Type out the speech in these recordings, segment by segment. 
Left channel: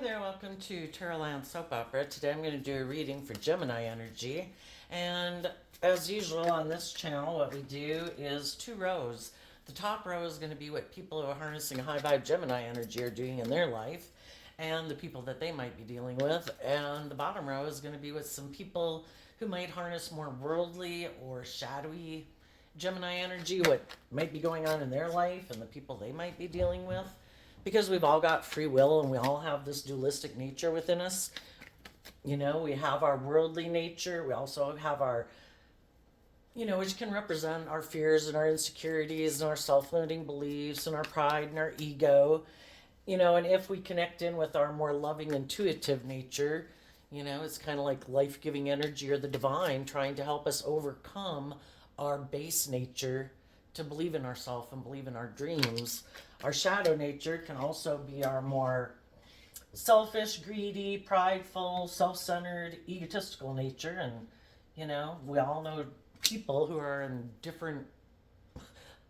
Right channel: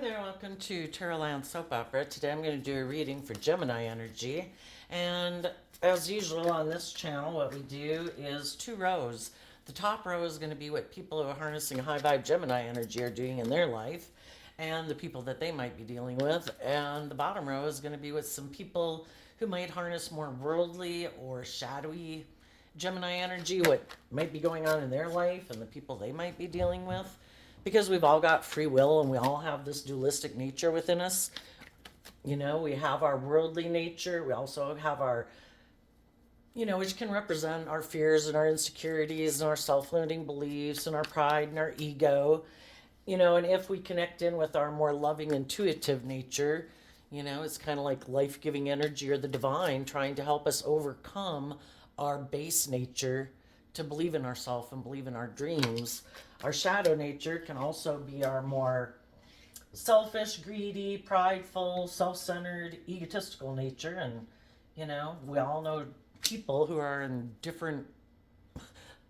there, welcome to Terraland Soap Opera. Today I'm going to do a reading for Gemini energy. And as usual on this channel, what we do is two rows. The top row is going to be what people who are harnessing high vibe Gemini energy are doing in their life and the people that they might be dealing with. And the bottom row is going to be with some people who might harness more worldly or shadowy Gemini energy, what might be going on in their life and the people they might be dealing with. Because we've all got free will and we all have this dualistic nature within us. You know, we have our worldly nature. We also have our, which can represent our fears and our insecurities and our self-limiting beliefs and our pride and our ego. And if we connect in with our more loving, intuitive nature, it's kind of like life-giving energy or the divine trying to help us overcome our base nature to believe in ourselves and believe in our dreams. Our shadow nature can also be our more selfish, greedy, prideful, self-centered, egotistical nature. And, we all know people who are in different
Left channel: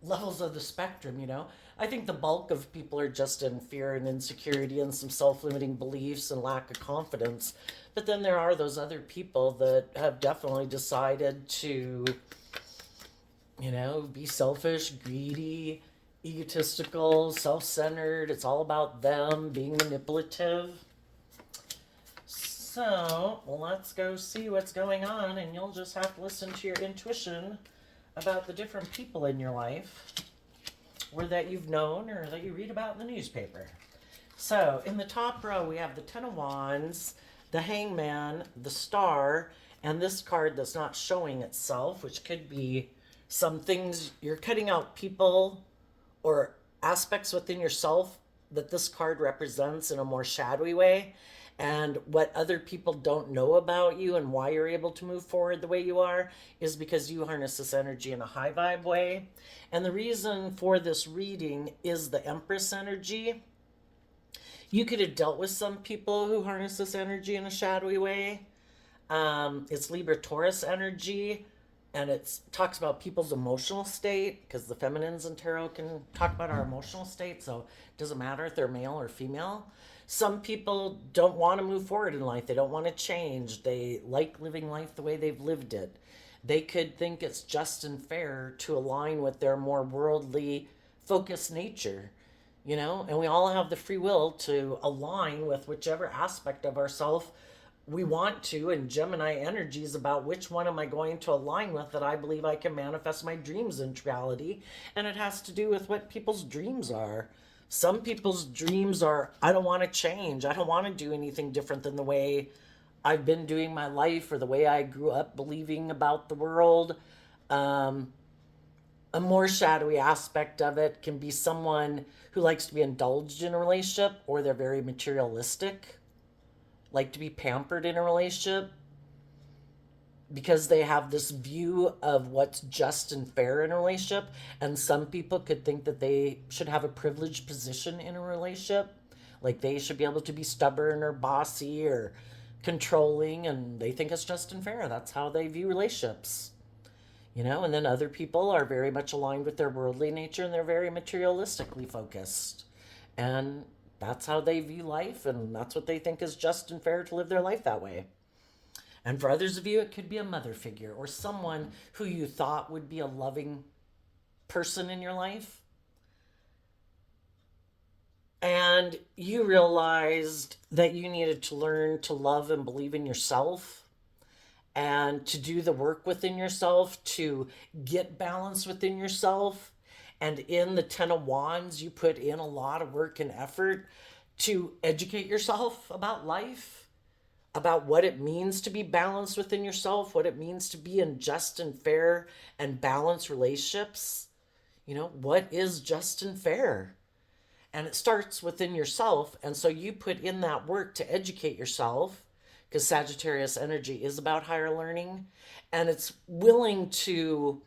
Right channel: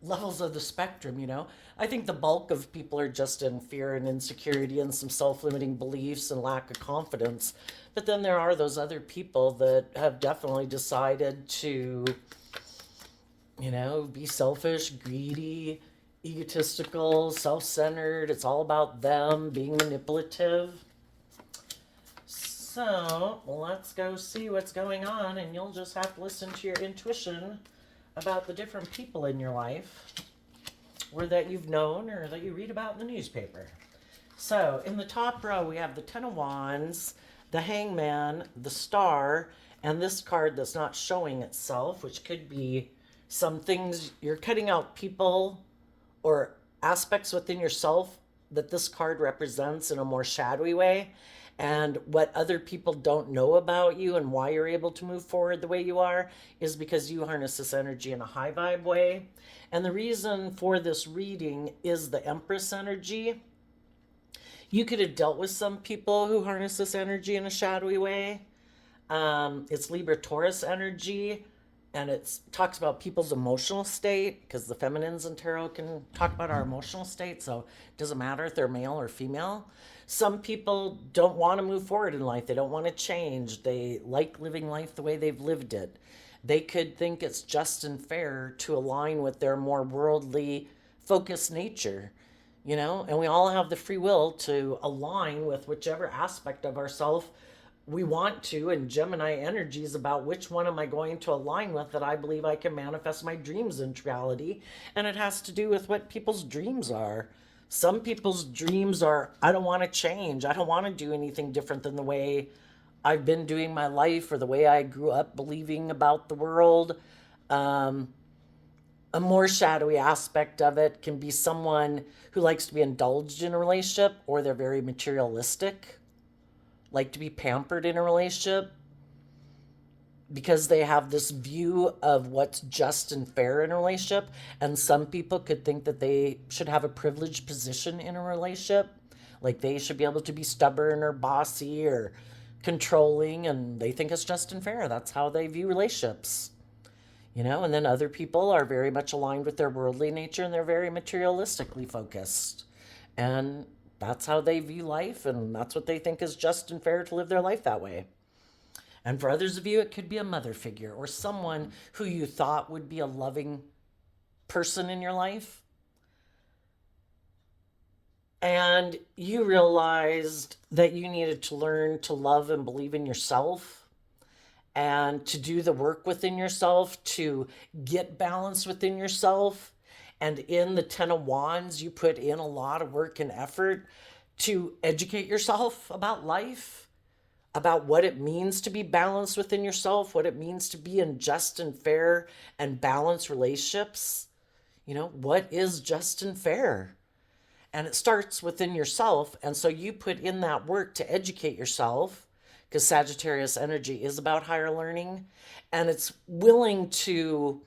levels of the spectrum, I think the bulk of people are just in fear and insecurity and some self-limiting beliefs and lack of confidence. But then there are those other people that have definitely decided to, be selfish, greedy, egotistical, self-centered. It's all about them, being manipulative. So let's go see what's going on, and you'll just have to listen to your intuition about the different people in your life, or that you've known or that you read about in the newspaper. So in the top row we have the Ten of Wands, the Hangman, the Star, and this card that's not showing itself, which could be some things you're cutting out, people or aspects within yourself that this card represents in a more shadowy way, and what other people don't know about you and why you're able to move forward the way you are is because you harness this energy in a high vibe way. And the reason for this reading is the Empress energy. You could have dealt with some people who harness this energy in a shadowy way. It's Libra Taurus energy. And it talks about people's emotional state, because the feminines in tarot can talk about our emotional state, so it doesn't matter if they're male or female. Some people don't want to move forward in life. They don't want to change. They like living life the way they've lived it. They could think it's just and fair to align with their more worldly focused nature, and we all have the free will to align with whichever aspect of ourselves we want to, and Gemini energy is about which one am I going to align with that I believe I can manifest my dreams into reality. And it has to do with what people's dreams are. Some people's dreams are, I don't want to change. I don't want to do anything different than the way I've been doing my life or the way I grew up believing about the world. A more shadowy aspect of it can be someone who likes to be indulged in a relationship, or they're very materialistic, like to be pampered in a relationship because they have this view of what's just and fair in a relationship. And some people could think that they should have a privileged position in a relationship, like they should be able to be stubborn or bossy or controlling, and they think it's just and fair. That's how they view relationships, and then other people are very much aligned with their worldly nature and they're very materialistically focused, and that's how they view life, and that's what they think is just and fair to live their life that way. And for others of you, it could be a mother figure or someone who you thought would be a loving person in your life. And you realized that you needed to learn to love and believe in yourself and to do the work within yourself, to get balance within yourself. And in the Ten of Wands, you put in a lot of work and effort to educate yourself about life, about what it means to be balanced within yourself, what it means to be in just and fair and balanced relationships. What is just and fair? And it starts within yourself. And so you put in that work to educate yourself, because Sagittarius energy is about higher learning. And it's willing to,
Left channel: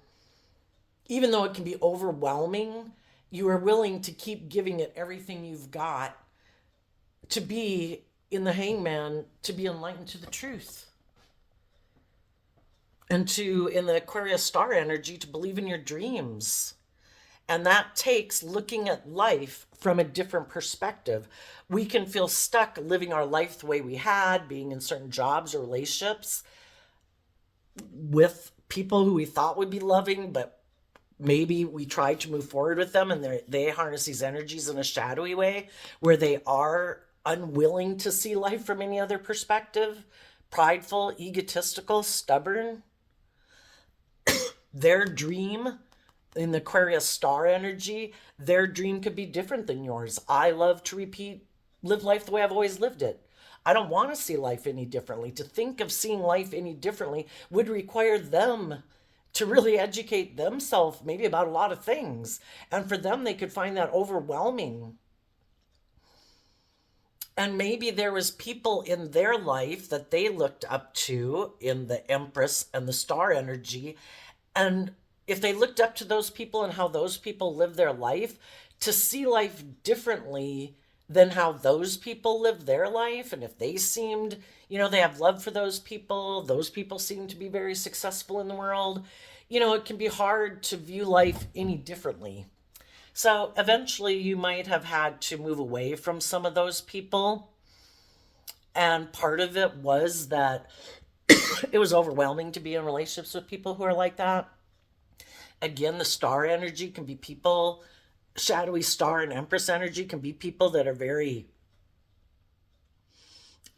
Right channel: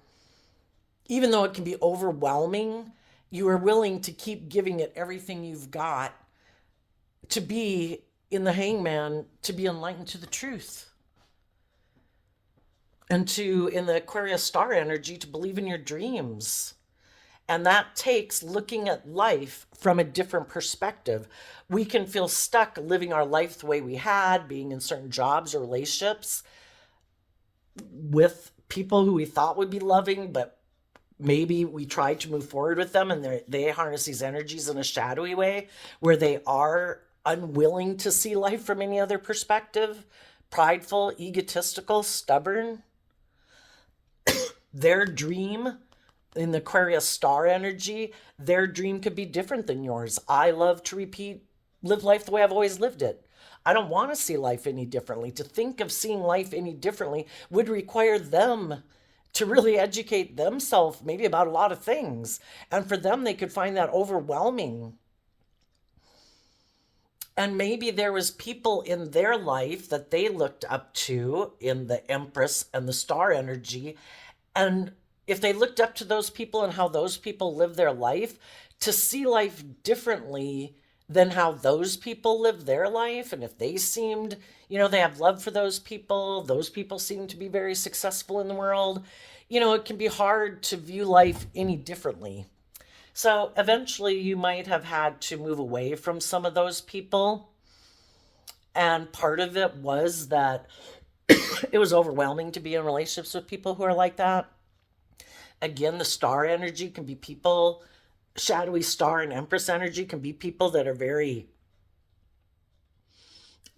even though it can be overwhelming, you are willing to keep giving it everything you've got to be in the Hangman, to be enlightened to the truth. And to, in the Aquarius star energy, to believe in your dreams And that takes looking at life from a different perspective. We can feel stuck living our life the way we had, being in certain jobs or relationships with people who we thought would be loving, but maybe we tried to move forward with them and they harness these energies in a shadowy way where they are unwilling to see life from any other perspective, prideful, egotistical, stubborn. Their dream in the Aquarius star energy, their dream could be different than yours. I love to live life the way I've always lived it. I don't want to see life any differently. To think of seeing life any differently would require them to really educate themselves maybe about a lot of things. And for them, they could find that overwhelming. And maybe there was people in their life that they looked up to in the Empress and the star energy. And if they looked up to those people and how those people live their life, to see life differently than how those people live their life, and if they seemed, they have love for those people seem to be very successful in the world, it can be hard to view life any differently. So eventually you might have had to move away from some of those people. And part of it was that it was overwhelming to be in relationships with people who are like that. Again, the star energy can be people, shadowy star and Empress energy can be people that are very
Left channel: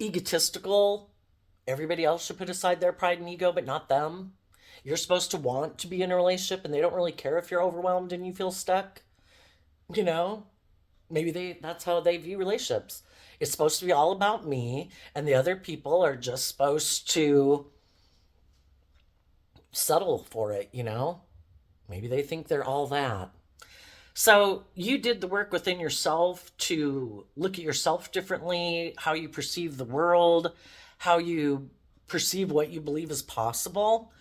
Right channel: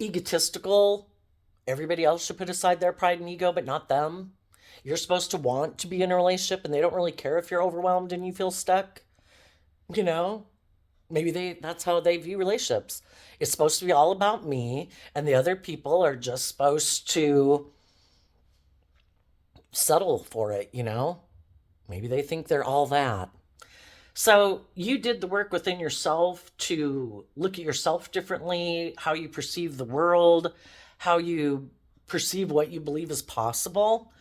egotistical. Everybody else should put aside their pride and ego, but not them. You're supposed to want to be in a relationship and they don't really care if you're overwhelmed and you feel stuck. You know, maybe that's how they view relationships. It's supposed to be all about me, and the other people are just supposed to settle for it. Maybe they think they're all that. So you did the work within yourself to look at yourself differently, how you perceive the world, how you perceive what you believe is possible.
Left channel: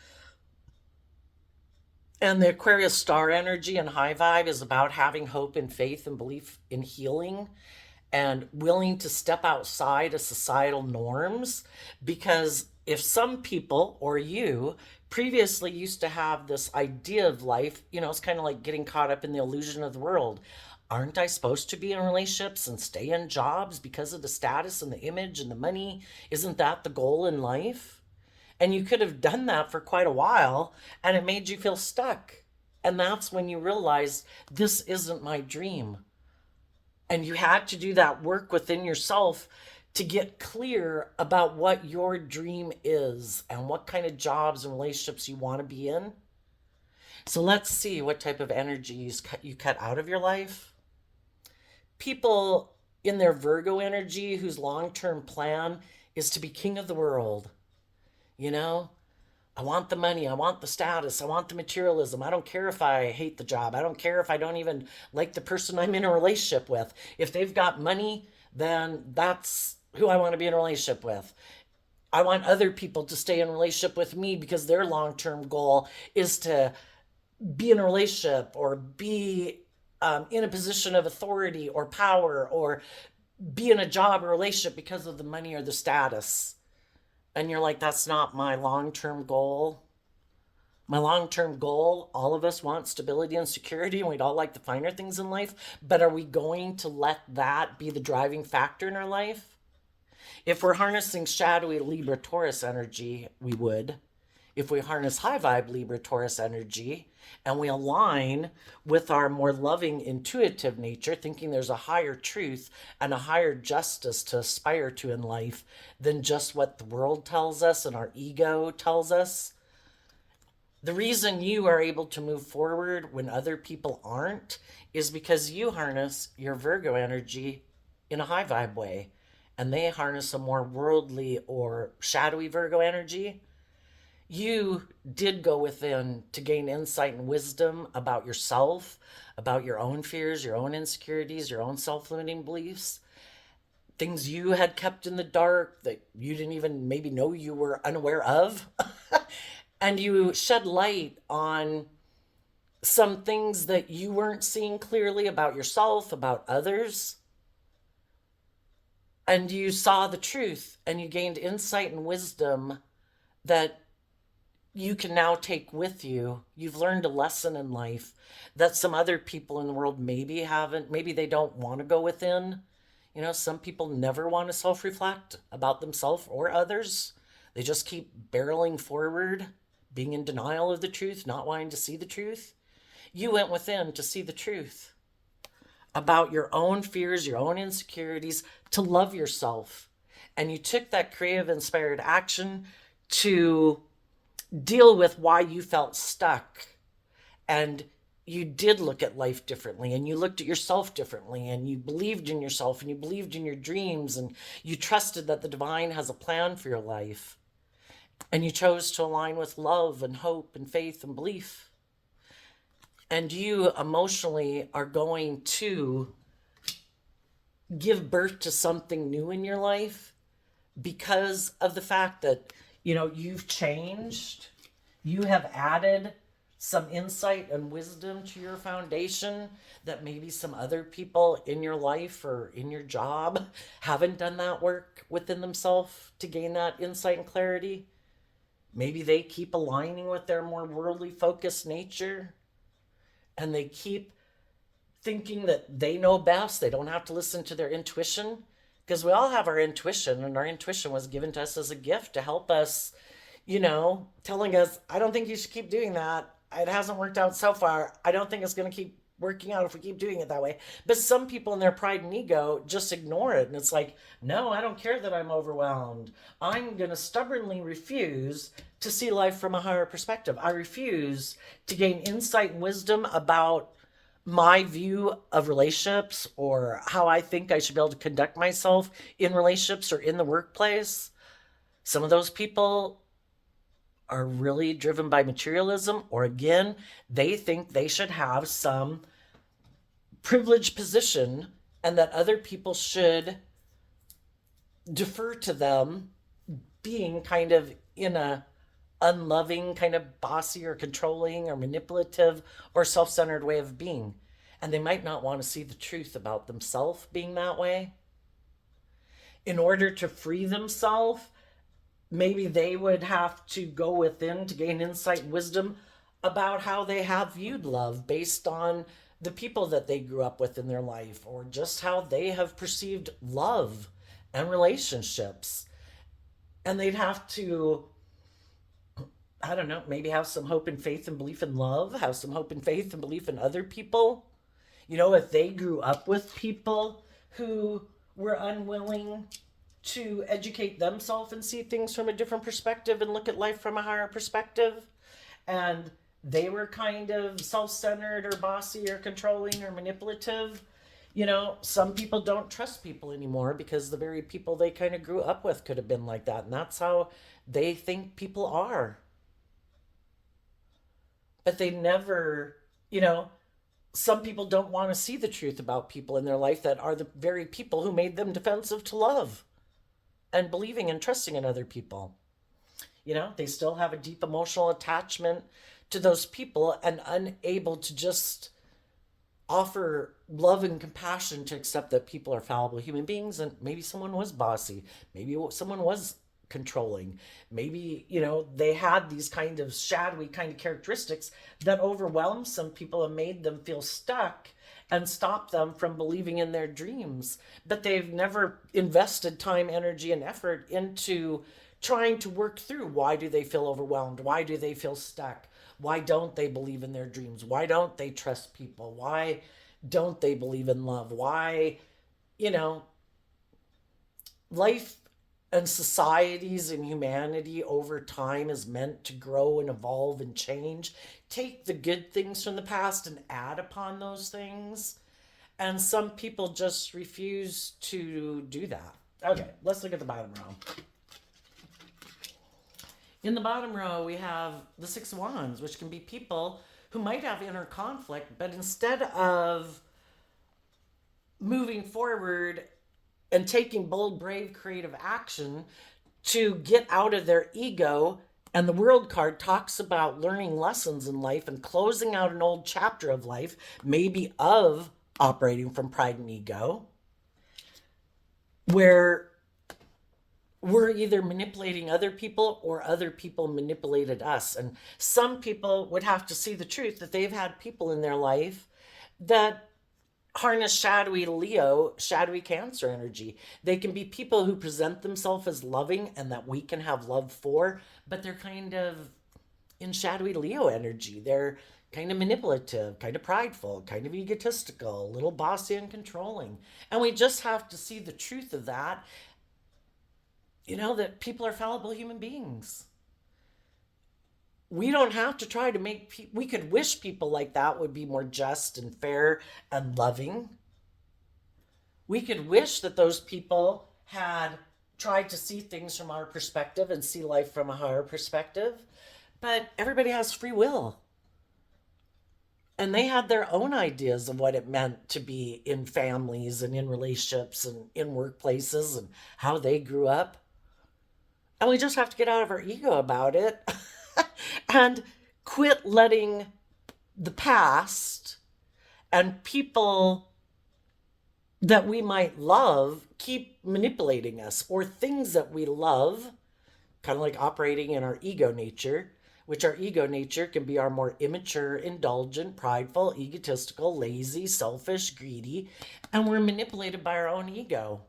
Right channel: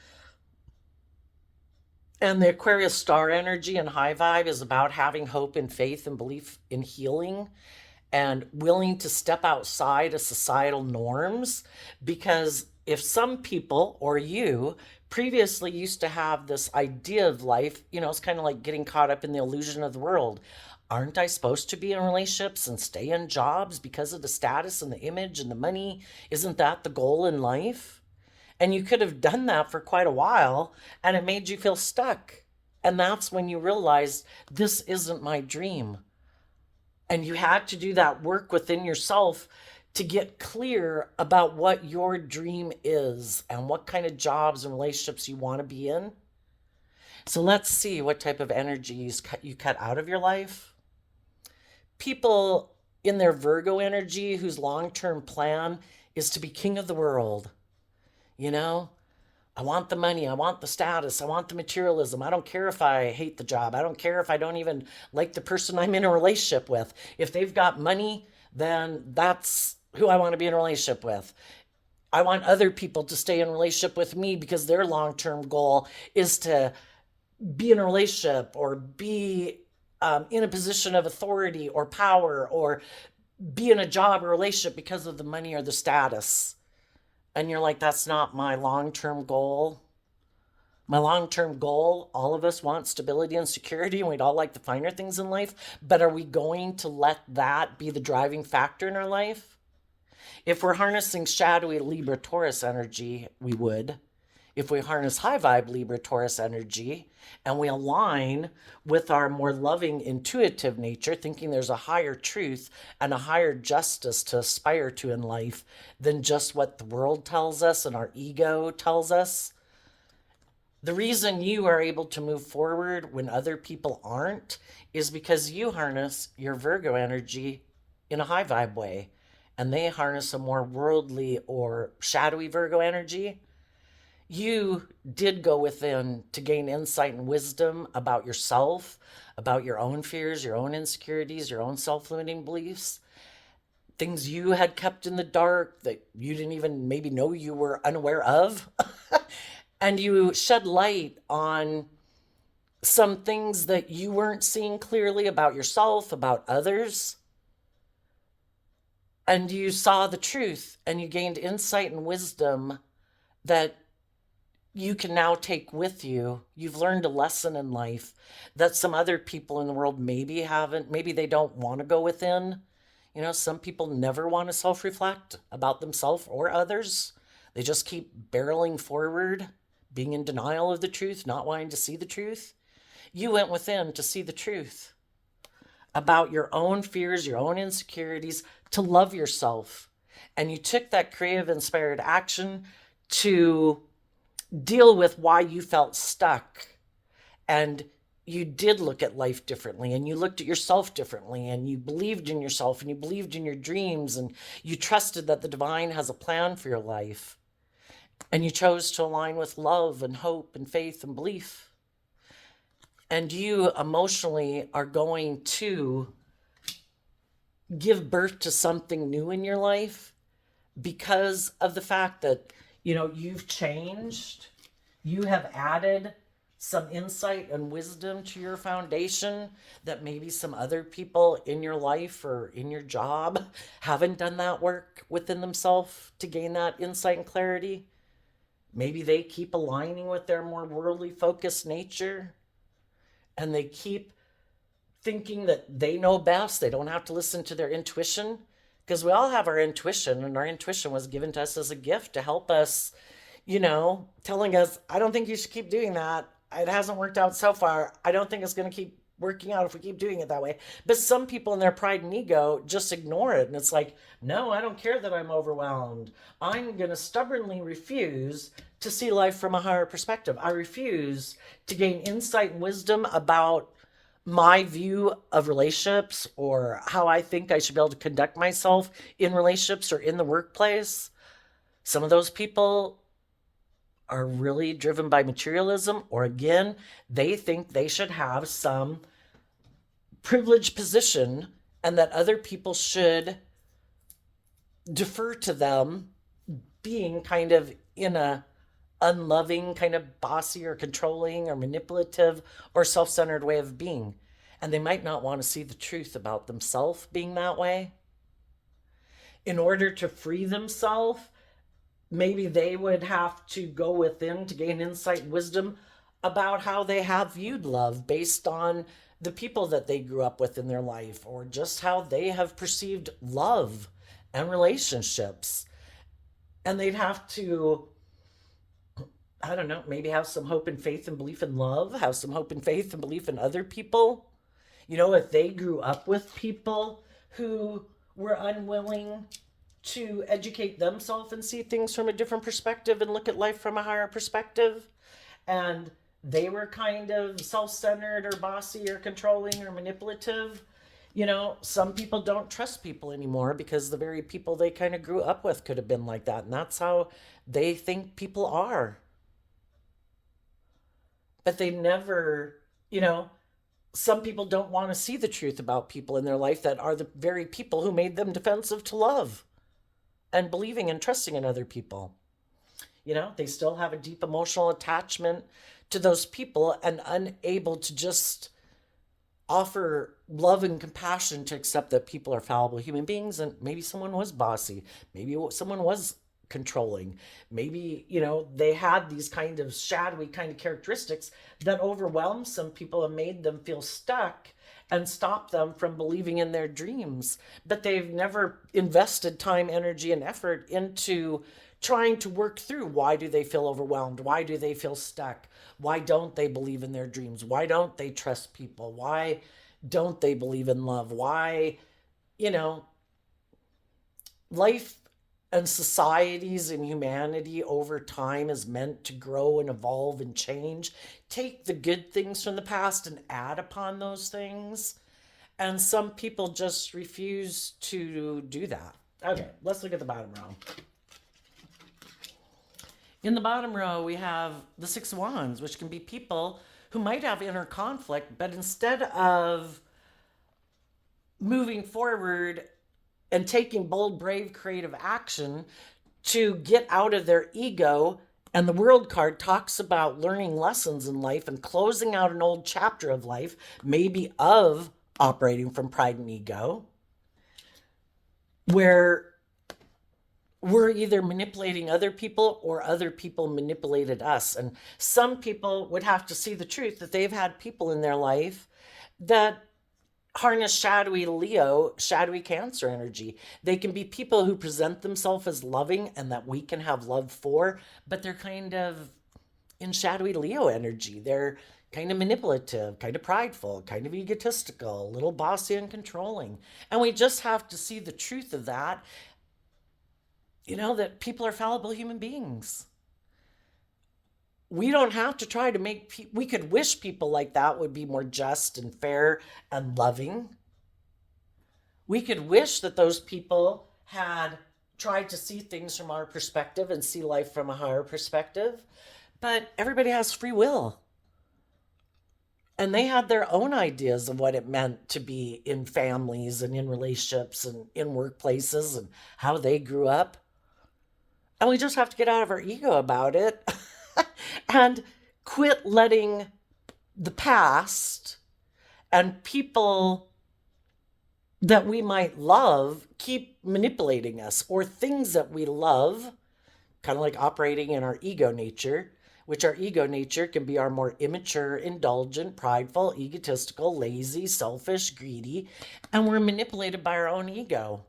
And the Aquarius star energy and high vibe is about having hope and faith and belief in healing and willing to step outside of societal norms. Because if some people or you previously used to have this idea of life, it's kind of like getting caught up in the illusion of the world. Aren't I supposed to be in relationships and stay in jobs because of the status and the image and the money? Isn't that the goal in life? And you could have done that for quite a while and it made you feel stuck. And that's when you realized this isn't my dream. And you had to do that work within yourself to get clear about what your dream is and what kind of jobs and relationships you want to be in. So let's see what type of energies you cut out of your life. People in their Virgo energy whose long-term plan is to be king of the world. I want the money. I want the status. I want the materialism. I don't care if I hate the job. I don't care if I don't even like the person I'm in a relationship with. If they've got money, then that's who I want to be in a relationship with. I want other people to stay in a relationship with me because their long-term goal is to be in a relationship or be in a position of authority or power or be in a job or relationship because of the money or the status. And you're like, that's not my long-term goal. My long-term goal, all of us want stability and security, and we'd all like the finer things in life. But are we going to let that be the driving factor in our life? If we're harnessing shadowy Libra Taurus energy, we would. If we harness high vibe Libra Taurus energy and we align with our more loving, intuitive nature, thinking there's a higher truth and a higher justice to aspire to in life than just what the world tells us and our ego tells us. The reason you are able to move forward when other people aren't is because you harness your Virgo energy in a high vibe way, and they harness a more worldly or shadowy Virgo energy. You did go within to gain insight and wisdom about yourself, about your own fears, your own insecurities, your own self-limiting beliefs, things you had kept in the dark that you didn't even maybe know you were unaware of. And you shed light on some things that you weren't seeing clearly about yourself, about others. And you saw the truth and you gained insight and wisdom that you can now take with you. You've learned a lesson in life that some other people in the world maybe haven't. Maybe they don't want to go within. You know, some people never want to self reflect about themselves or others. They just keep barreling forward, being in denial of the truth, not wanting to see the truth. You went within to see the truth about your own fears, your own insecurities, to love yourself. And you took that creative, inspired action to deal with why you felt stuck. And you did look at life differently, and you looked at yourself differently, and you believed in yourself, and you believed in your dreams, and you trusted that the divine has a plan for your life. And you chose to align with love and hope and faith and belief. And you emotionally are going to give birth to something new in your life because of the fact that, you've changed. You have added some insight and wisdom to your foundation that maybe some other people in your life or in your job haven't done that work within themselves to gain that insight and clarity. Maybe they keep aligning with their more worldly focused nature, and they keep thinking that they know best. They don't have to listen to their intuition, because we all have our intuition, and our intuition was given to us as a gift to help us, telling us, I don't think you should keep doing that. It hasn't worked out so far. I don't think it's going to keep working out if we keep doing it that way. But some people in their pride and ego just ignore it. And it's like, no, I don't care that I'm overwhelmed. I'm going to stubbornly refuse to see life from a higher perspective. I refuse to gain insight and wisdom about my view of relationships, or how I think I should be able to conduct myself in relationships or in the workplace. Some of those people are really driven by materialism, or again, they think they should have some privileged position and that other people should defer to them, being kind of in a unloving, kind of bossy or controlling or manipulative or self-centered way of being. And they might not want to see the truth about themselves being that way. In order to free themselves, maybe they would have to go within to gain insight and wisdom about how they have viewed love based on the people that they grew up with in their life, or just how they have perceived love and relationships. And they'd have to, I don't know, maybe have some hope and faith and belief in love, have some hope and faith and belief in other people. If they grew up with people who were unwilling to educate themselves and see things from a different perspective and look at life from a higher perspective, and they were kind of self-centered or bossy or controlling or manipulative, some people don't trust people anymore because the very people they kind of grew up with could have been like that, and that's how they think people are. But they never, some people don't want to see the truth about people in their life that are the very people who made them defensive to love and believing and trusting in other people. They still have a deep emotional attachment to those people and unable to just offer love and compassion to accept that people are fallible human beings, and maybe someone was bossy, maybe someone was controlling, maybe they had these kind of shadowy kind of characteristics that overwhelmed some people and made them feel stuck and stopped them from believing in their dreams. But they've never invested time, energy, and effort into trying to work through, why do they feel overwhelmed, why do they feel stuck, why don't they believe in their dreams, why don't they trust people, why don't they believe in love, why life and societies and humanity over time is meant to grow and evolve and change. Take the good things from the past and add upon those things. And some people just refuse to do that. Okay, let's look at the bottom row. In the bottom row, we have the Six of Wands, which can be people who might have inner conflict, but instead of moving forward and taking bold, brave, creative action to get out of their ego. And the World card talks about learning lessons in life and closing out an old chapter of life, maybe of operating from pride and ego, where we're either manipulating other people or other people manipulated us. And some people would have to see the truth that they've had people in their life that harness shadowy Leo, shadowy Cancer energy. They can be people who present themselves as loving and that we can have love for, but they're kind of in shadowy Leo energy. They're kind of manipulative, kind of prideful, kind of egotistical, a little bossy and controlling. And we just have to see the truth of that, that people are fallible human beings. We don't have to try to make we could wish people like that would be more just and fair and loving. We could wish that those people had tried to see things from our perspective and see life from a higher perspective. But everybody has free will. And they had their own ideas of what it meant to be in families and in relationships and in workplaces and how they grew up. And we just have to get out of our ego about it and quit letting the past and people that we might love keep manipulating us, or things that we love, kind of like operating in our ego nature, which our ego nature can be our more immature, indulgent, prideful, egotistical, lazy, selfish, greedy, and we're manipulated by our own ego.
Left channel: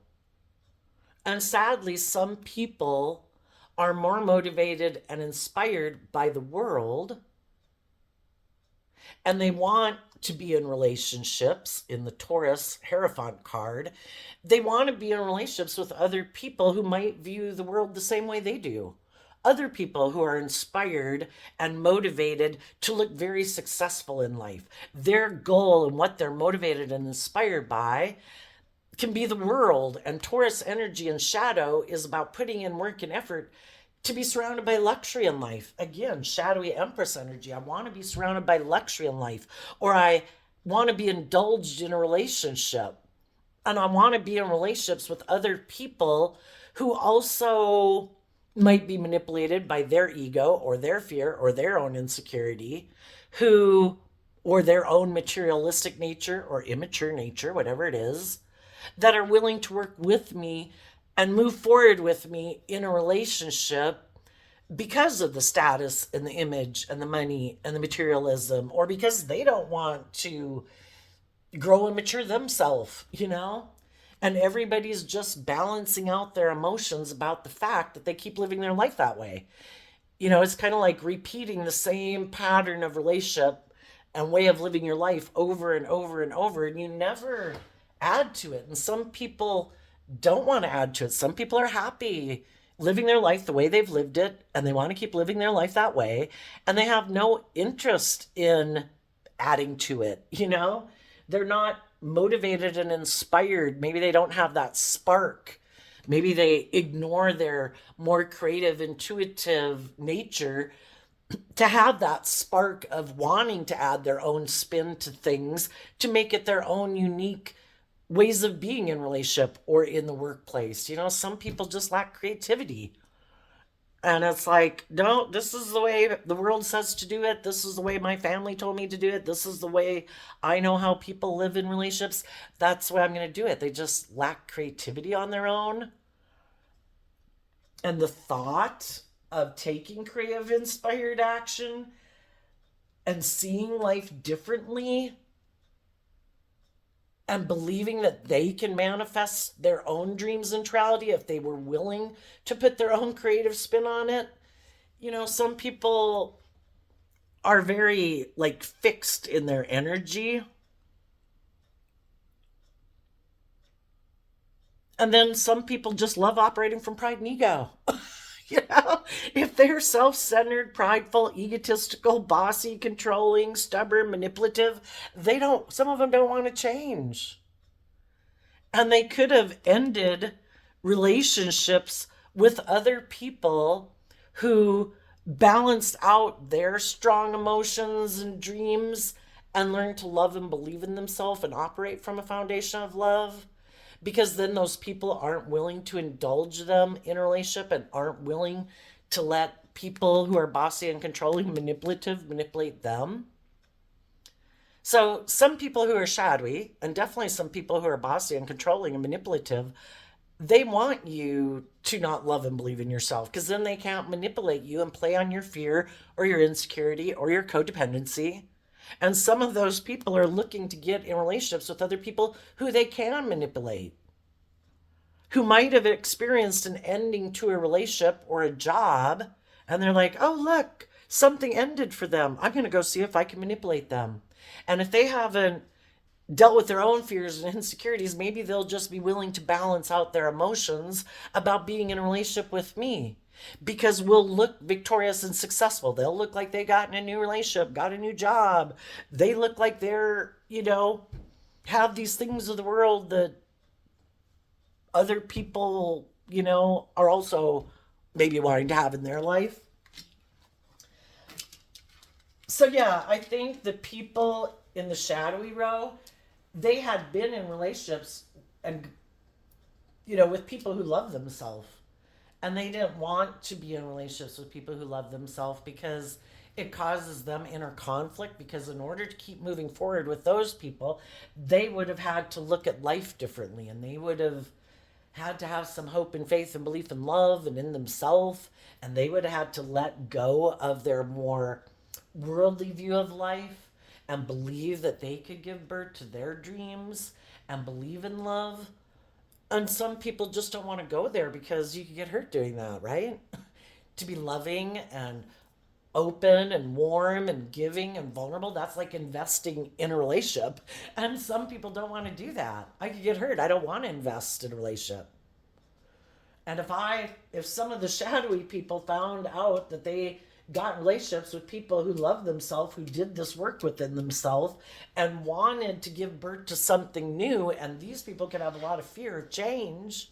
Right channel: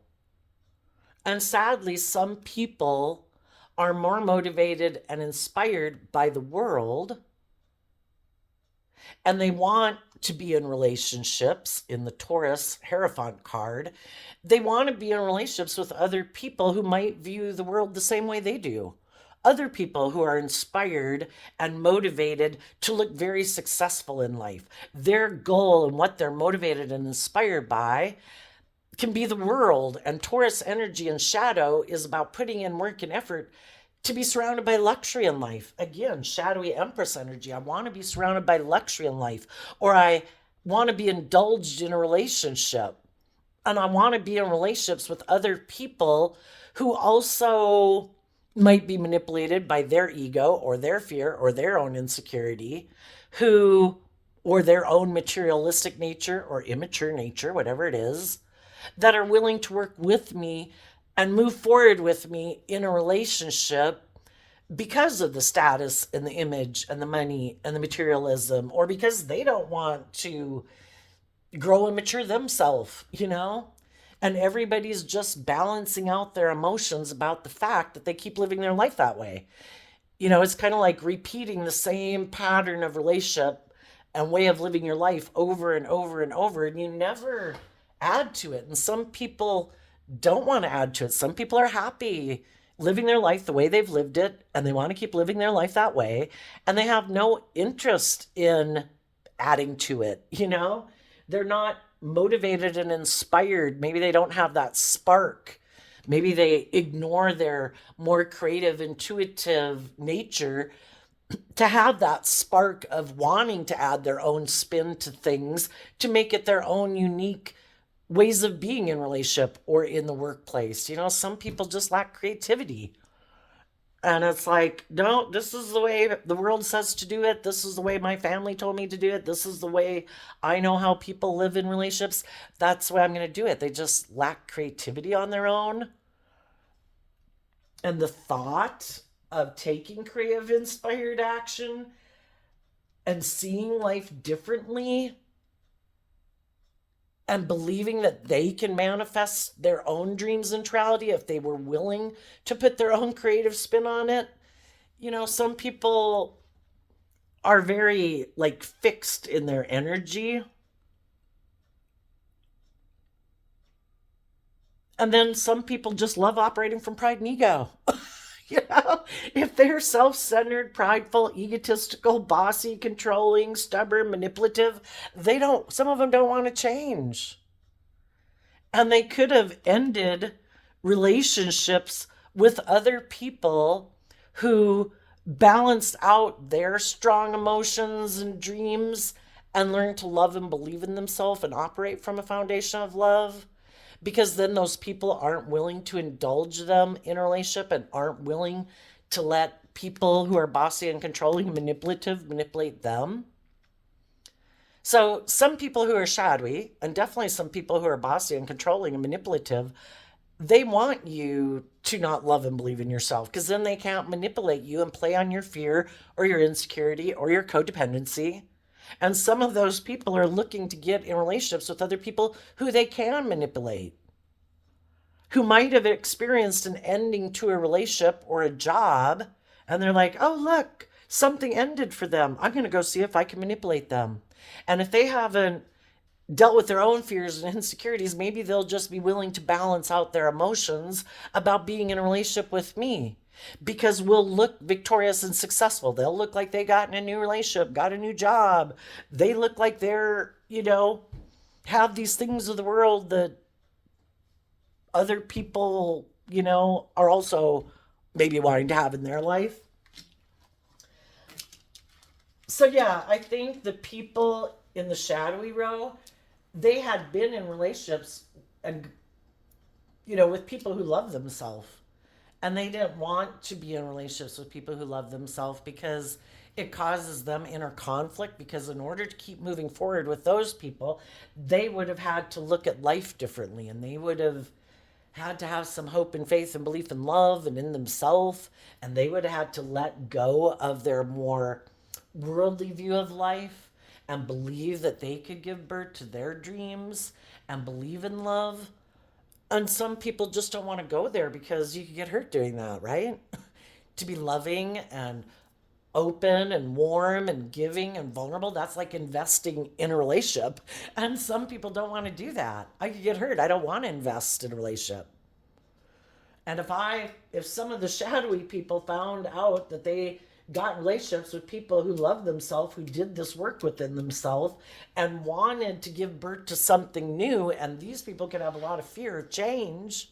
And sadly, some people are more motivated and inspired by the world, and they want to be in relationships. In the Taurus Hierophant card, they want to be in relationships with other people who might view the world the same way they do. Other people who are inspired and motivated to look very successful in life. Their goal and what they're motivated and inspired by can be the world. And Taurus energy and shadow is about putting in work and effort to be surrounded by luxury in life. Again, shadowy Empress energy. I want to be surrounded by luxury in life, or I want to be indulged in a relationship. And I want to be in relationships with other people who also might be manipulated by their ego or their fear or their own insecurity, or their own materialistic nature or immature nature, whatever it is, that are willing to work with me and move forward with me in a relationship because of the status and the image and the money and the materialism, or because they don't want to grow and mature themselves. And everybody's just balancing out their emotions about the fact that they keep living their life that way. It's kind of like repeating the same pattern of relationship and way of living your life over and over and over, and you never add to it. And some people don't want to add to it. Some people are happy living their life the way they've lived it, and they want to keep living their life that way, and they have no interest in adding to it. They're not motivated and inspired. Maybe they don't have that spark. Maybe they ignore their more creative, intuitive nature to have that spark of wanting to add their own spin to things to make it their own unique ways of being in relationship or in the workplace. Some people just lack creativity. And it's like, no, this is the way the world says to do it. This is the way my family told me to do it. This is the way I know how people live in relationships. That's the way I'm going to do it. They just lack creativity on their own. And the thought of taking creative, inspired action and seeing life differently and believing that they can manifest their own dreams and reality if they were willing to put their own creative spin on it. Some people are very fixed in their energy. And then some people just love operating from pride and ego. If they're self-centered, prideful, egotistical, bossy, controlling, stubborn, manipulative, some of them don't want to change. And they could have ended relationships with other people who balanced out their strong emotions and dreams and learned to love and believe in themselves and operate from a foundation of love. Because then those people aren't willing to indulge them in a relationship and aren't willing to let people who are bossy and controlling, manipulative, manipulate them. So some people who are shadowy, and definitely some people who are bossy and controlling and manipulative, they want you to not love and believe in yourself because then they can't manipulate you and play on your fear or your insecurity or your codependency. And some of those people are looking to get in relationships with other people who they can manipulate, who might have experienced an ending to a relationship or a job. And they're like, oh, look, something ended for them. I'm going to go see if I can manipulate them. And if they haven't dealt with their own fears and insecurities, maybe they'll just be willing to balance out their emotions about being in a relationship with me because we'll look victorious and successful. They'll look like they got in a new relationship, got a new job. They look like they're, have these things of the world that other people, are also maybe wanting to have in their life. So, yeah, I think the people in the shadowy row, they had been in relationships and with people who love themselves, and they didn't want to be in relationships with people who love themselves because it causes them inner conflict, because in order to keep moving forward with those people, they would have had to look at life differently, and they would have had to have some hope and faith and belief in love and in themselves, and they would have had to let go of their more worldly view of life and believe that they could give birth to their dreams and believe in love. And some people just don't want to go there because you can get hurt doing that, right? To be loving and open and warm and giving and vulnerable, that's like investing in a relationship. And some people don't want to do that. I could get hurt. I don't want to invest in a relationship. And if some of the shadowy people found out that they got relationships with people who love themselves, who did this work within themselves and wanted to give birth to something new, and these people could have a lot of fear of change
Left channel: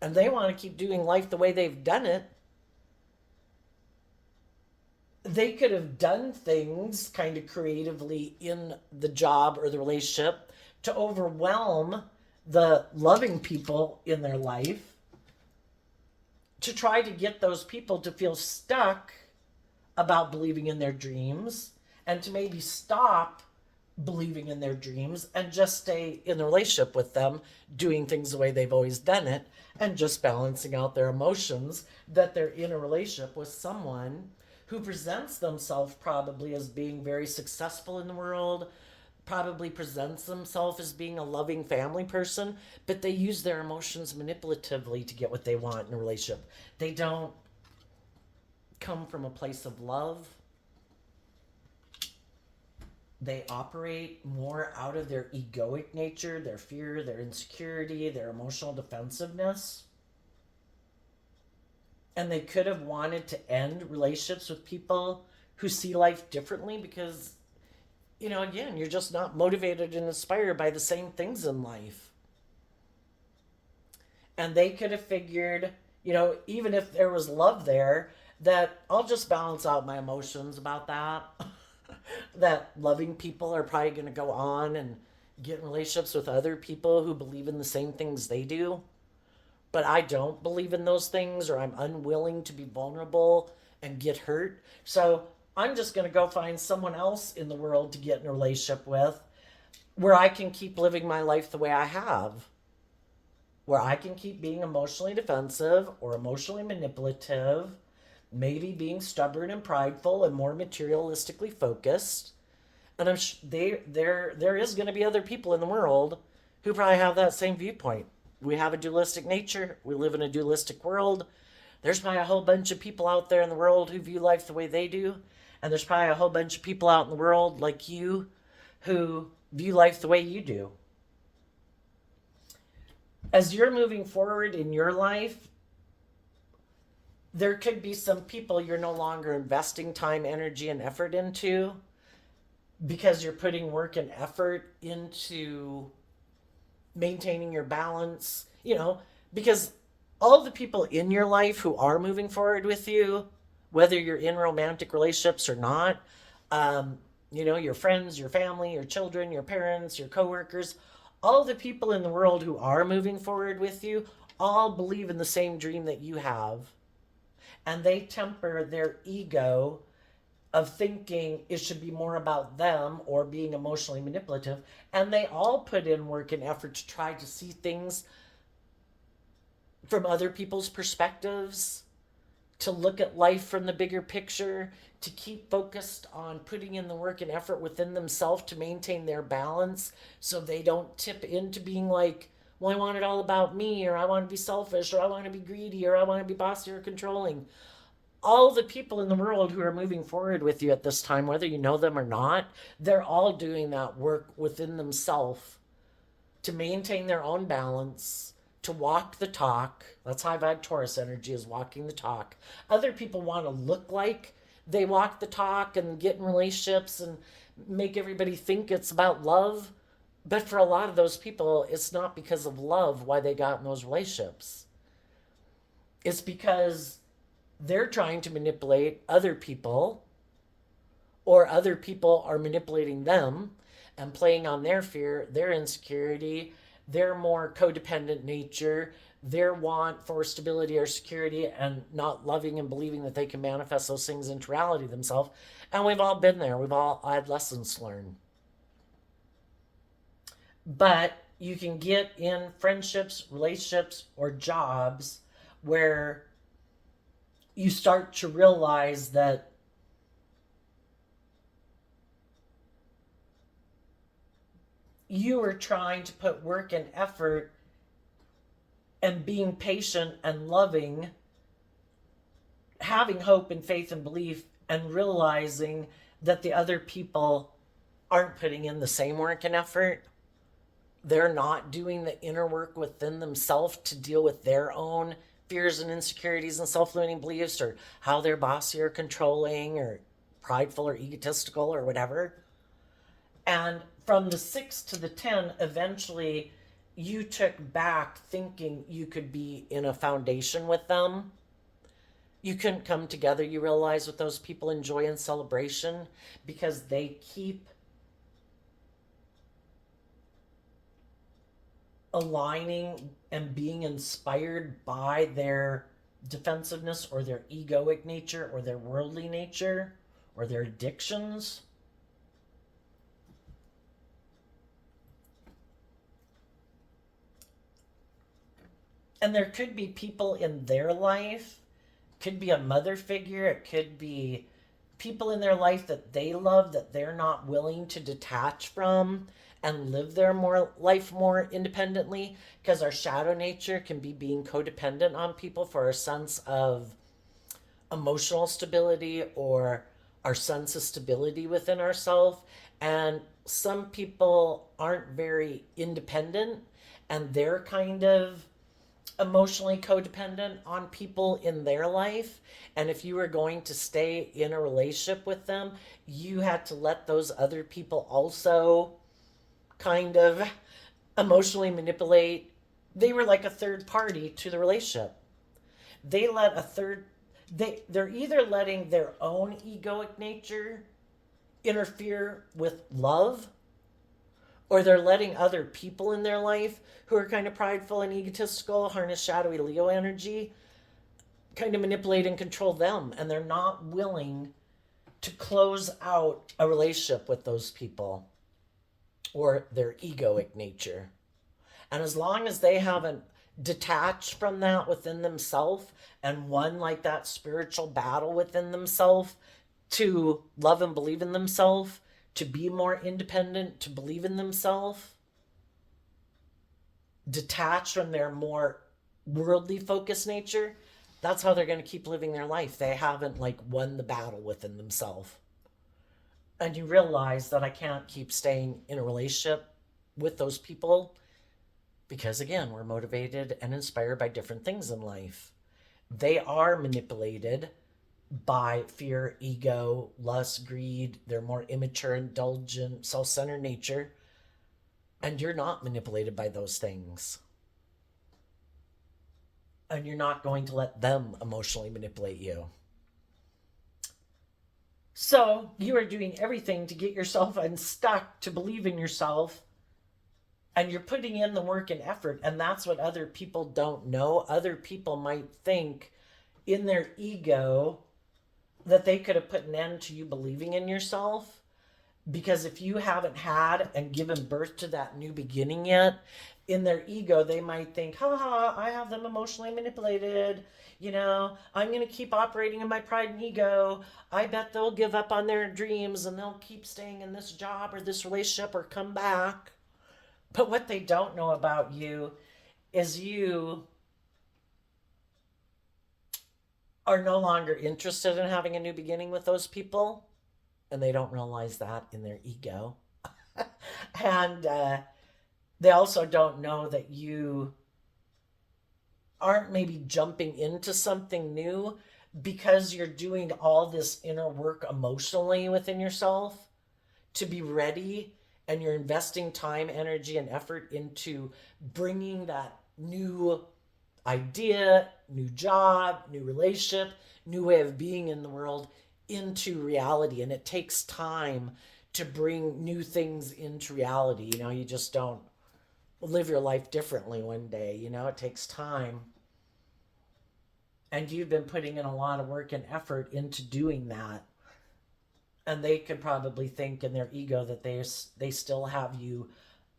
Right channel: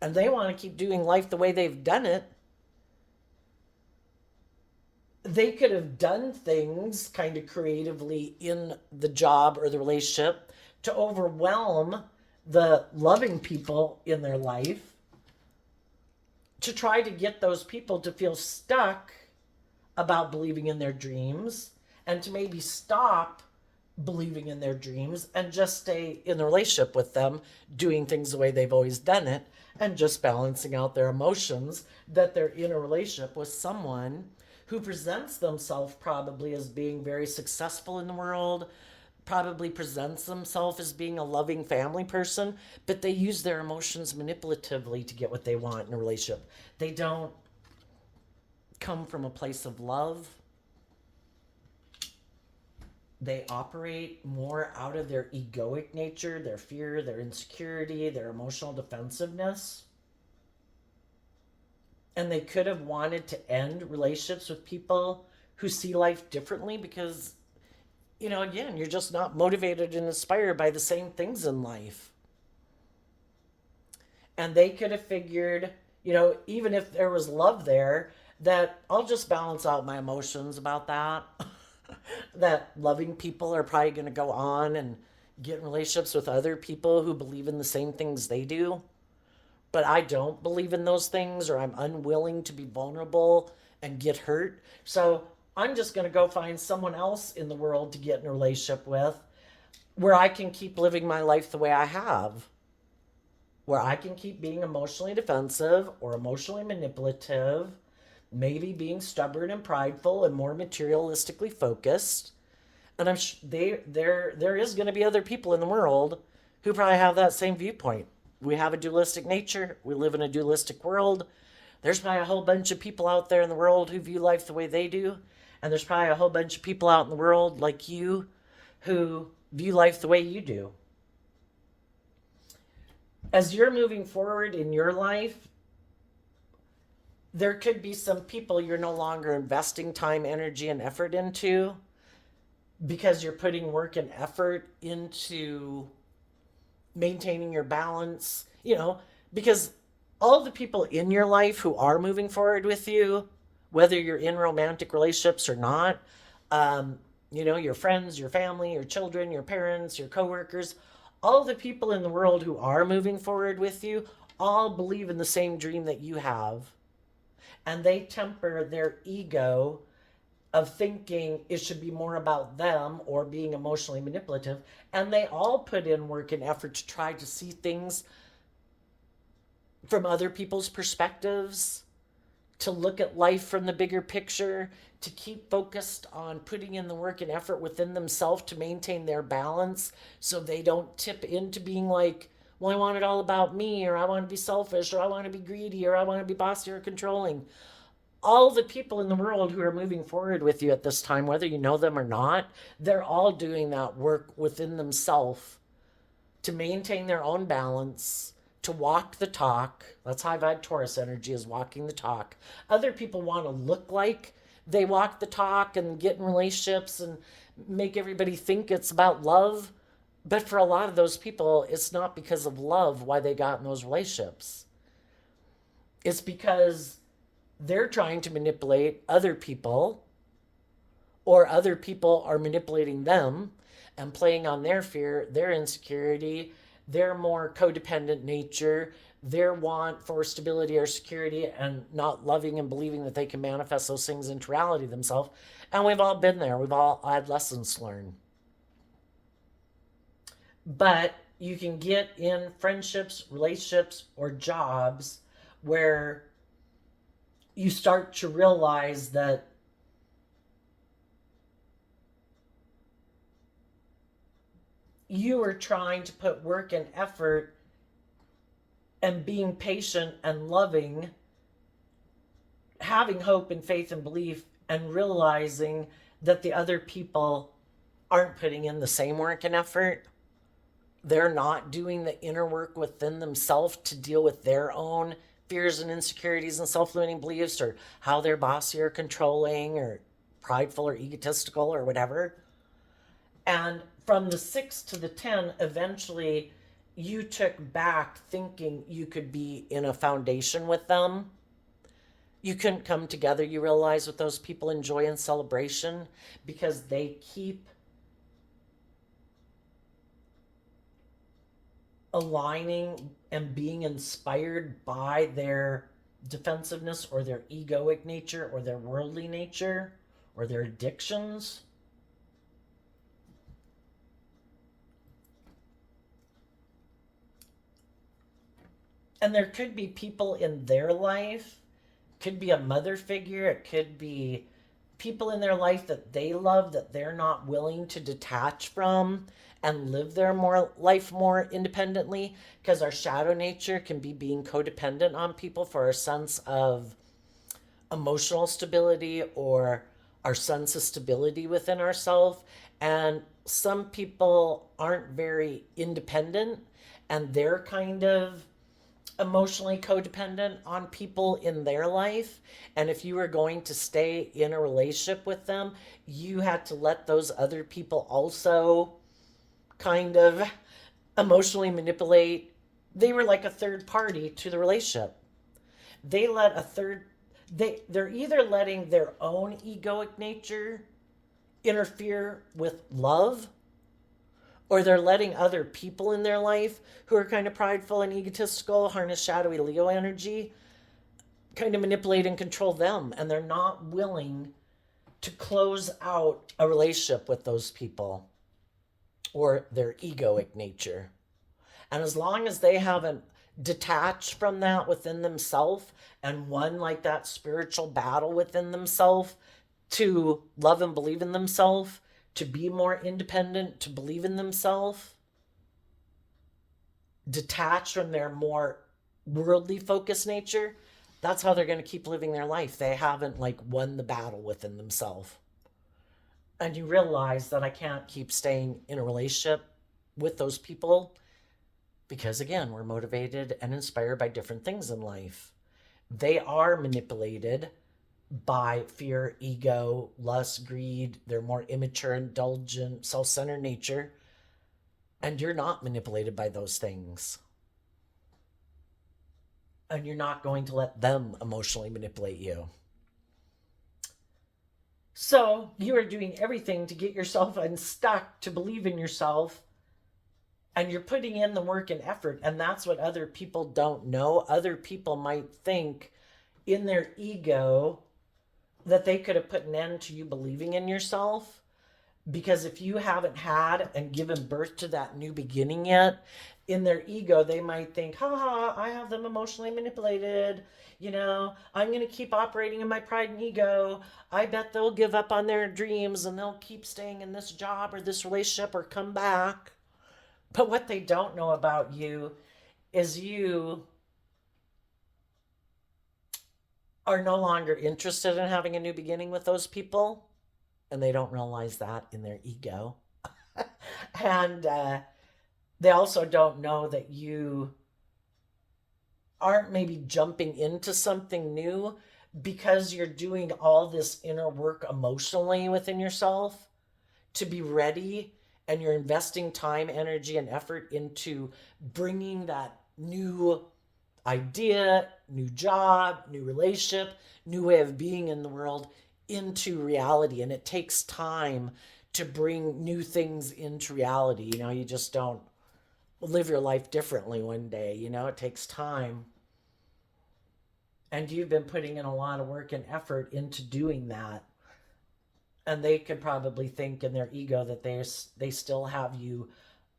and they want to keep doing life the way they've done it, they could have done things kind of creatively in the job or the relationship to overwhelm the loving people in their life, to try to get those people to feel stuck about believing in their dreams and to maybe stop believing in their dreams and just stay in the relationship with them, doing things the way they've always done it and just balancing out their emotions that they're in a relationship with someone who presents themselves probably as being very successful in the world, probably presents themselves as being a loving family person, but they use their emotions manipulatively to get what they want in a relationship. They don't come from a place of love. They operate more out of their egoic nature, their fear, their insecurity, their emotional defensiveness. And they could have wanted to end relationships with people who see life differently because, again, you're just not motivated and inspired by the same things in life. And they could have figured, even if there was love there, that I'll just balance out my emotions about that. That loving people are probably going to go on and get in relationships with other people who believe in the same things they do. But I don't believe in those things, or I'm unwilling to be vulnerable and get hurt. So I'm just going to go find someone else in the world to get in a relationship with where I can keep living my life the way I have, where I can keep being emotionally defensive or emotionally manipulative, maybe being stubborn and prideful and more materialistically focused. And there is going to be other people in the world who probably have that same viewpoint. We have a dualistic nature. We live in a dualistic world. There's probably a whole bunch of people out there in the world who view life the way they do. And there's probably a whole bunch of people out in the world like you who view life the way you do. As you're moving forward in your life, there could be some people you're no longer investing time, energy, and effort into because you're putting work and effort into maintaining your balance, because all the people in your life who are moving forward with you, whether you're in romantic relationships or not, your friends, your family, your children, your parents, your coworkers, all the people in the world who are moving forward with you all believe in the same dream that you have. And they temper their ego of thinking it should be more about them or being emotionally manipulative. And they all put in work and effort to try to see things from other people's perspectives, to look at life from the bigger picture, to keep focused on putting in the work and effort within themselves to maintain their balance so they don't tip into being like, well, I want it all about me, or I want to be selfish, or I want to be greedy, or I want to be bossy or controlling. All the people in the world who are moving forward with you at this time, whether you know them or not, they're all doing that work within themselves to maintain their own balance, to walk the talk. That's high vibe Taurus energy, is walking the talk. Other people want to look like they walk the talk and get in relationships and make everybody think it's about love. But for a lot of those people, it's not because of love why they got in those relationships. It's because they're trying to manipulate other people, or other people are manipulating them and playing on their fear, their insecurity, their more codependent nature, their want for stability or security, and not loving and believing that they can manifest those things into reality themselves. And we've all been there. We've all had lessons to learn. But you can get in friendships, relationships, or jobs where you start to realize that you are trying to put work and effort and being patient and loving, having hope and faith and belief, and realizing that the other people aren't putting in the same work and effort. They're not doing the inner work within themselves to deal with their own fears and insecurities and self-limiting beliefs, or how they're bossy or controlling or prideful or egotistical or whatever. And from the 6 to the 10, eventually you took back thinking you could be in a foundation with them. You couldn't come together, you realize, with those people in joy and celebration, because they keep aligning and being inspired by their defensiveness or their egoic nature or their worldly nature or their addictions. And there could be people in their life, could be a mother figure, it could be people in their life that they love that they're not willing to detach from and live their life more independently, because our shadow nature can be being codependent on people for a sense of emotional stability or our sense of stability within ourselves. And some people aren't very independent, and they're kind of emotionally codependent on people in their life. And if you were going to stay in a relationship with them, you had to let those other people also kind of emotionally manipulate. They were like a third party to the relationship. They let a third, they're either letting their own egoic nature interfere with love, or they're letting other people in their life who are kind of prideful and egotistical, harness shadowy Leo energy, kind of manipulate and control them. And they're not willing to close out a relationship with those people or their egoic nature. And as long as they haven't detached from that within themselves and won like that spiritual battle within themselves to love and believe in themselves, to be more independent, to believe in themselves, detach from their more worldly focused nature, that's how they're going to keep living their life. They haven't like won the battle within themselves. And you realize that I can't keep staying in a relationship with those people, because again, we're motivated and inspired by different things in life. They are manipulated by fear, ego, lust, greed, their more immature, indulgent, self-centered nature. And you're not manipulated by those things. And you're not going to let them emotionally manipulate you. So you are doing everything to get yourself unstuck, to believe in yourself. And you're putting in the work and effort. And that's what other people don't know. Other people might think in their ego that they could have put an end to you believing in yourself. Because if you haven't had and given birth to that new beginning yet, in their ego, they might think, haha, I have them emotionally manipulated. I'm going to keep operating in my pride and ego. I bet they'll give up on their dreams and they'll keep staying in this job or this relationship or come back. But what they don't know about you is you are no longer interested in having a new beginning with those people. And they don't realize that in their ego. And they also don't know that you aren't maybe jumping into something new because you're doing all this inner work emotionally within yourself to be ready, and you're investing time, energy, and effort into bringing that new idea, new job, new relationship, new way of being in the world into reality. And it takes time to bring new things into reality. You just don't live your life differently one day. It takes time. And you've been putting in a lot of work and effort into doing that. And they could probably think in their ego that they still have you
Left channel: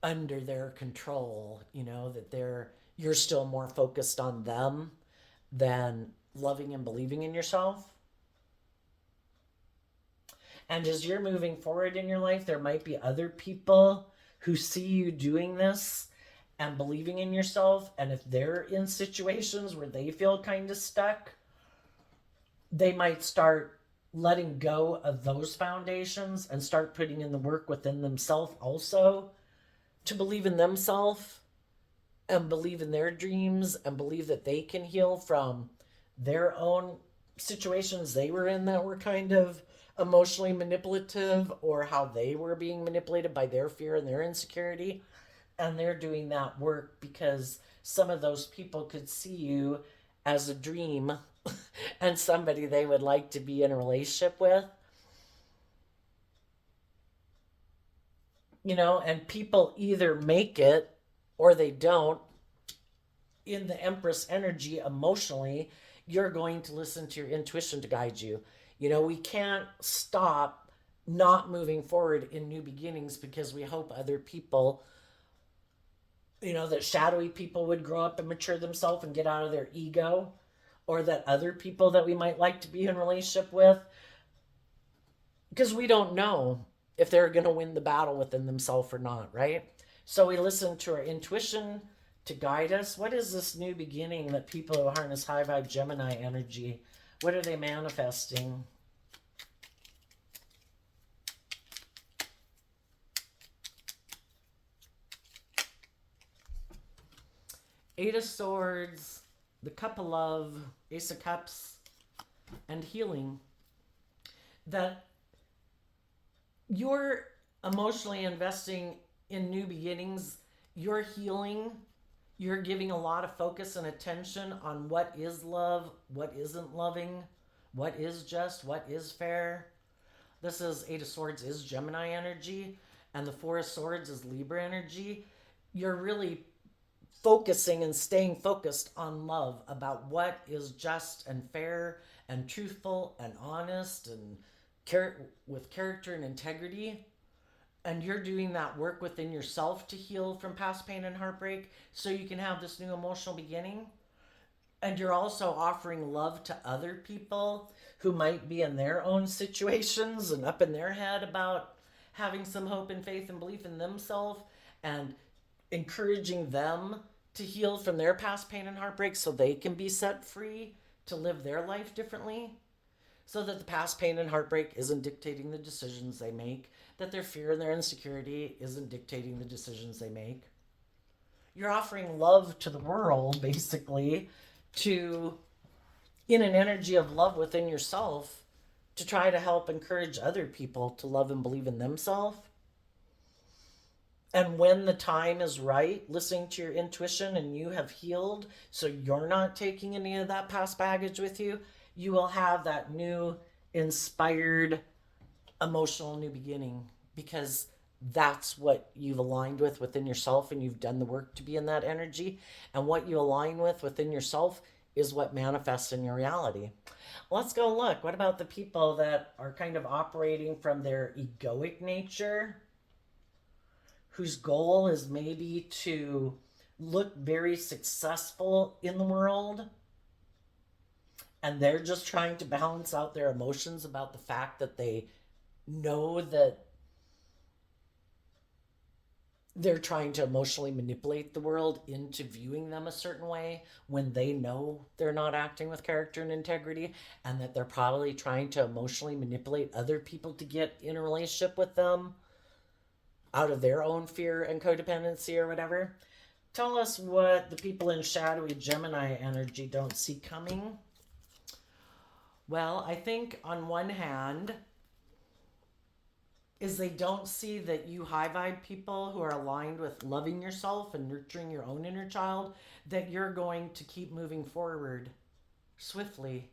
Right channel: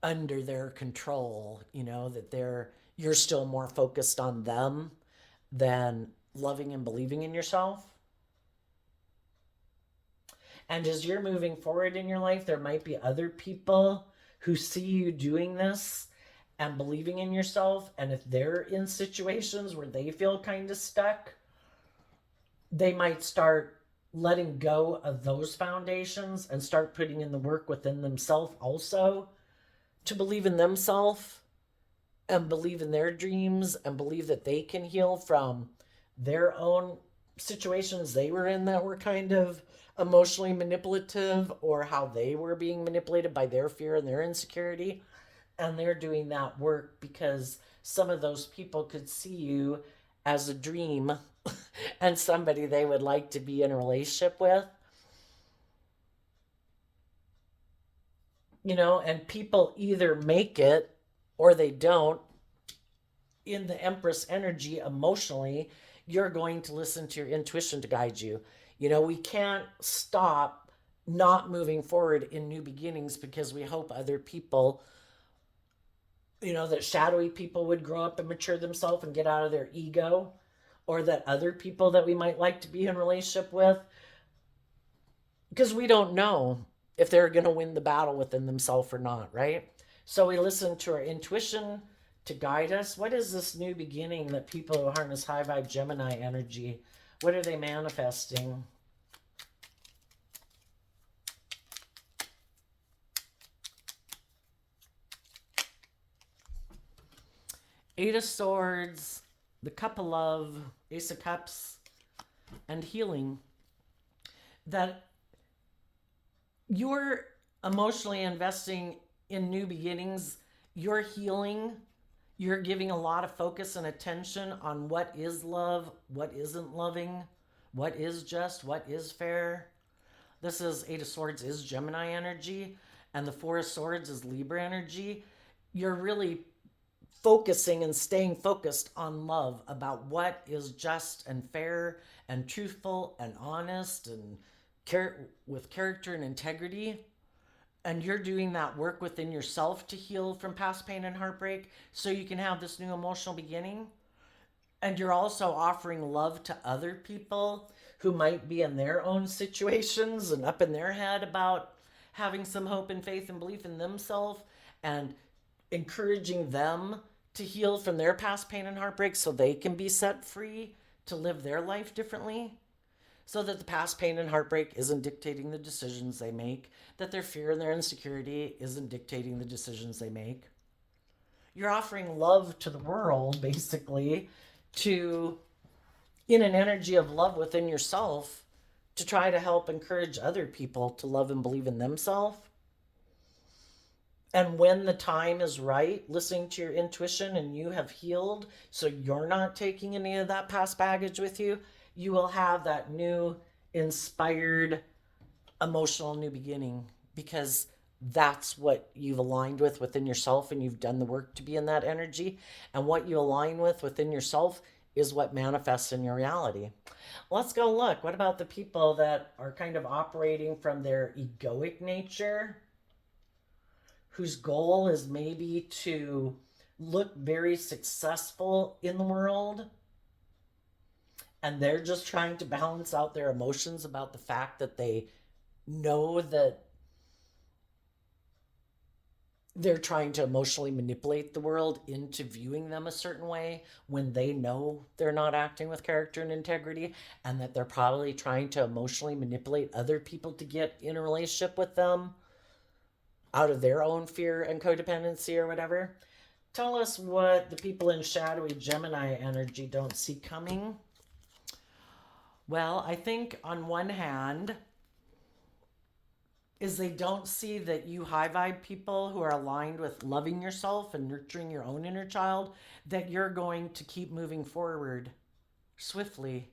under their control, that you're still more focused on them than loving and believing in yourself. And as you're moving forward in your life, there might be other people who see you doing this and believing in yourself. And if they're in situations where they feel kind of stuck, they might start letting go of those foundations and start putting in the work within themselves also to believe in themselves and believe in their dreams and believe that they can heal from their own situations they were in that were kind of emotionally manipulative, or how they were being manipulated by their fear and their insecurity. And they're doing that work because some of those people could see you as a dream and somebody they would like to be in a relationship with. And people either make it or they don't. In the Empress energy, emotionally, you're going to listen to your intuition to guide you. We can't stop not moving forward in new beginnings because we hope other people, that shadowy people would grow up and mature themselves and get out of their ego, or that other people that we might like to be in relationship with, because we don't know if they're going to win the battle within themselves or not, right? So we listen to our intuition to guide us. What is this new beginning that people who harness high vibe Gemini energy, what are they manifesting? Eight of Swords, the Cup of Love, Ace of Cups, and healing. That you're emotionally investing in new beginnings, you're healing, you're giving a lot of focus and attention on what is love, what isn't loving, what is just, what is fair. This is Eight of Swords is Gemini energy, and the Four of Swords is Libra energy. You're really focusing and staying focused on love, about what is just and fair and truthful and honest and with character and integrity. And you're doing that work within yourself to heal from past pain and heartbreak so you can have this new emotional beginning. And you're also offering love to other people who might be in their own situations and up in their head about having some hope and faith and belief in themselves, and encouraging them to heal from their past pain and heartbreak so they can be set free to live their life differently, so that the past pain and heartbreak isn't dictating the decisions they make, that their fear and their insecurity isn't dictating the decisions they make. You're offering love to the world, basically, to, in an energy of love within yourself, to try to help encourage other people to love and believe in themselves. And when the time is right, listening to your intuition and you have healed, so you're not taking any of that past baggage with you, you will have that new, inspired, emotional new beginning, because that's what you've aligned with within yourself, and you've done the work to be in that energy. And what you align with within yourself is what manifests in your reality. Let's go look. What about the people that are kind of operating from their egoic nature, whose goal is maybe to look very successful in the world, and they're just trying to balance out their emotions about the fact that they know that they're trying to emotionally manipulate the world into viewing them a certain way when they know they're not acting with character and integrity, and that they're probably trying to emotionally manipulate other people to get in a relationship with them out of their own fear and codependency or whatever. Tell us what the people in shadowy Gemini energy don't see coming. Well, I think on one hand is they don't see that you high vibe people who are aligned with loving yourself and nurturing your own inner child, that you're going to keep moving forward swiftly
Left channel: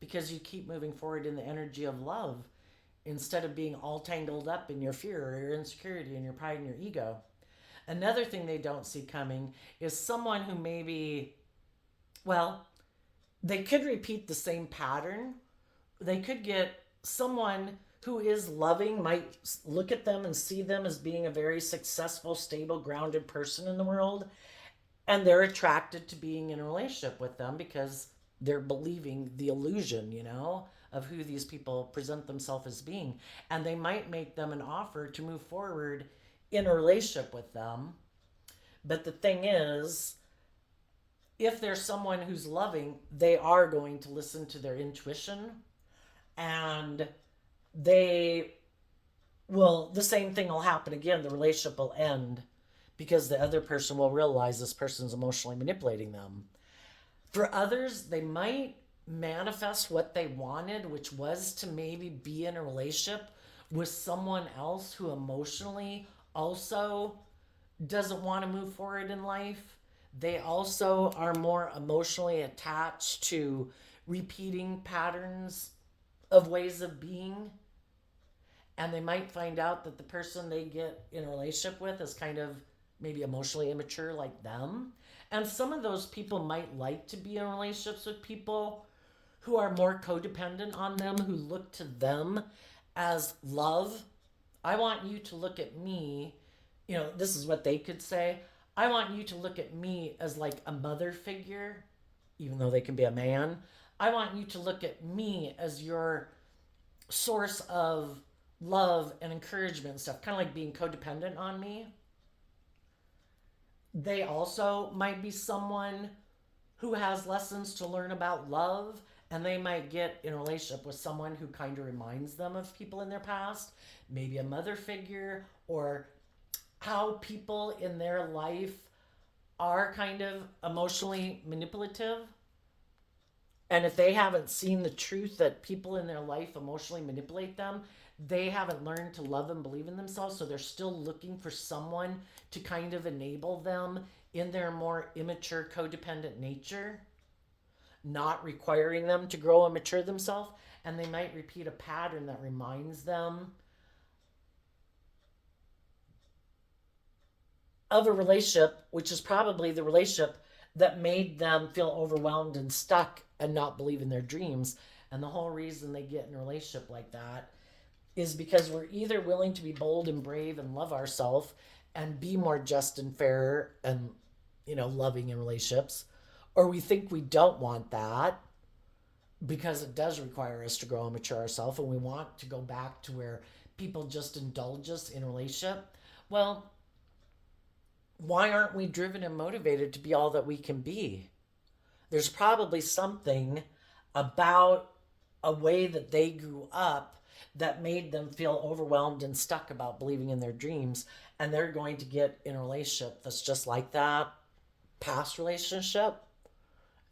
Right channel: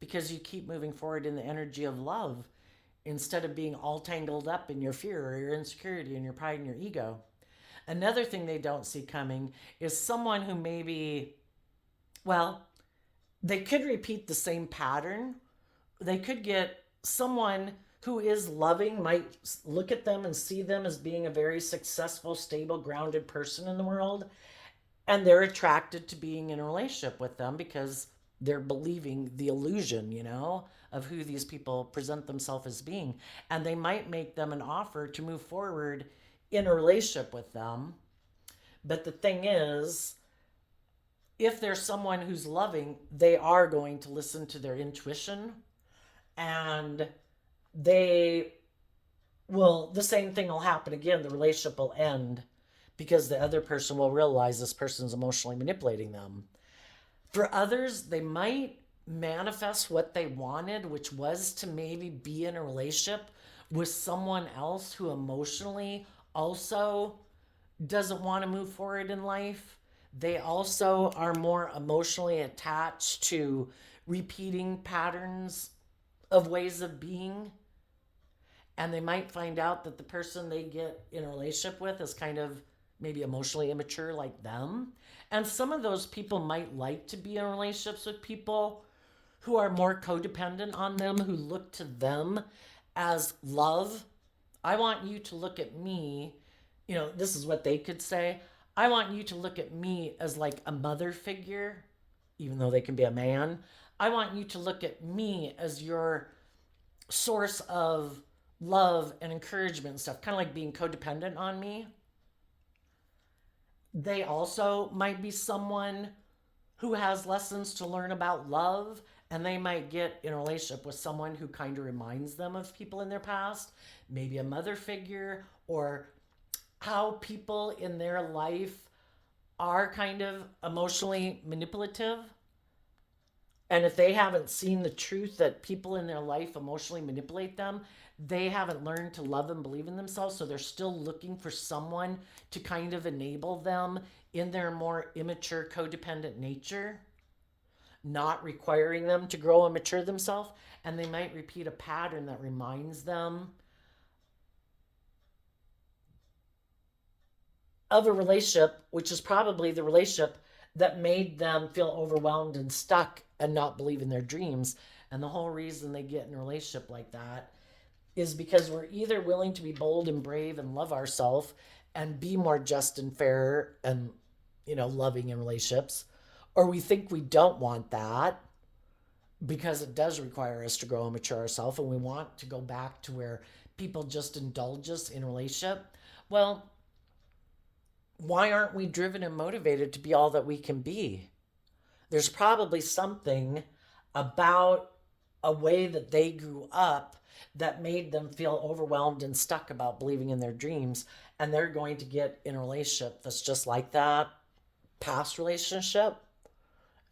because you keep moving forward in the energy of love instead of being all tangled up in your fear or your insecurity and your pride and your ego. Another thing they don't see coming is someone who maybe, well, they could repeat the same pattern. They could get someone who is loving, might look at them and see them as being a very successful, stable, grounded person in the world, and they're attracted to being in a relationship with them because they're believing the illusion, of who these people present themselves as being. And they might make them an offer to move forward in a relationship with them. But the thing is, if there's someone who's loving, they are going to listen to their intuition, and they will, the same thing will happen again. The relationship will end because the other person will realize this person's emotionally manipulating them. For others, they might manifest what they wanted, which was to maybe be in a relationship with someone else who emotionally also doesn't want to move forward in life. They also are more emotionally attached to repeating patterns of ways of being. And they might find out that the person they get in a relationship with is kind of maybe emotionally immature like them. And some of those people might like to be in relationships with people who are more codependent on them, who look to them as love. I want you to look at me, this is what they could say. I want you to look at me as like a mother figure, even though they can be a man. I want you to look at me as your source of love and encouragement and stuff, kind of like being codependent on me. They also might be someone who has lessons to learn about love, and they might get in a relationship with someone who kind of reminds them of people in their past, maybe a mother figure, or how people in their life are kind of emotionally manipulative. And if they haven't seen the truth that people in their life emotionally manipulate them, they haven't learned to love and believe in themselves. So they're still looking for someone to kind of enable them in their more immature, codependent nature, not requiring them to grow and mature themselves. And they might repeat a pattern that reminds them of a relationship, which is probably the relationship that made them feel overwhelmed and stuck and not believe in their dreams. And the whole reason they get in a relationship like that is because we're either willing to be bold and brave and love ourselves and be more just and fair and, loving in relationships, or we think we don't want that because it does require us to grow and mature ourselves, and we want to go back to where people just indulge us in a relationship. Well, why aren't we driven and motivated to be all that we can be? There's probably something about a way that they grew up that made them feel overwhelmed and stuck about believing in their dreams. And they're going to get in a relationship that's just like that past relationship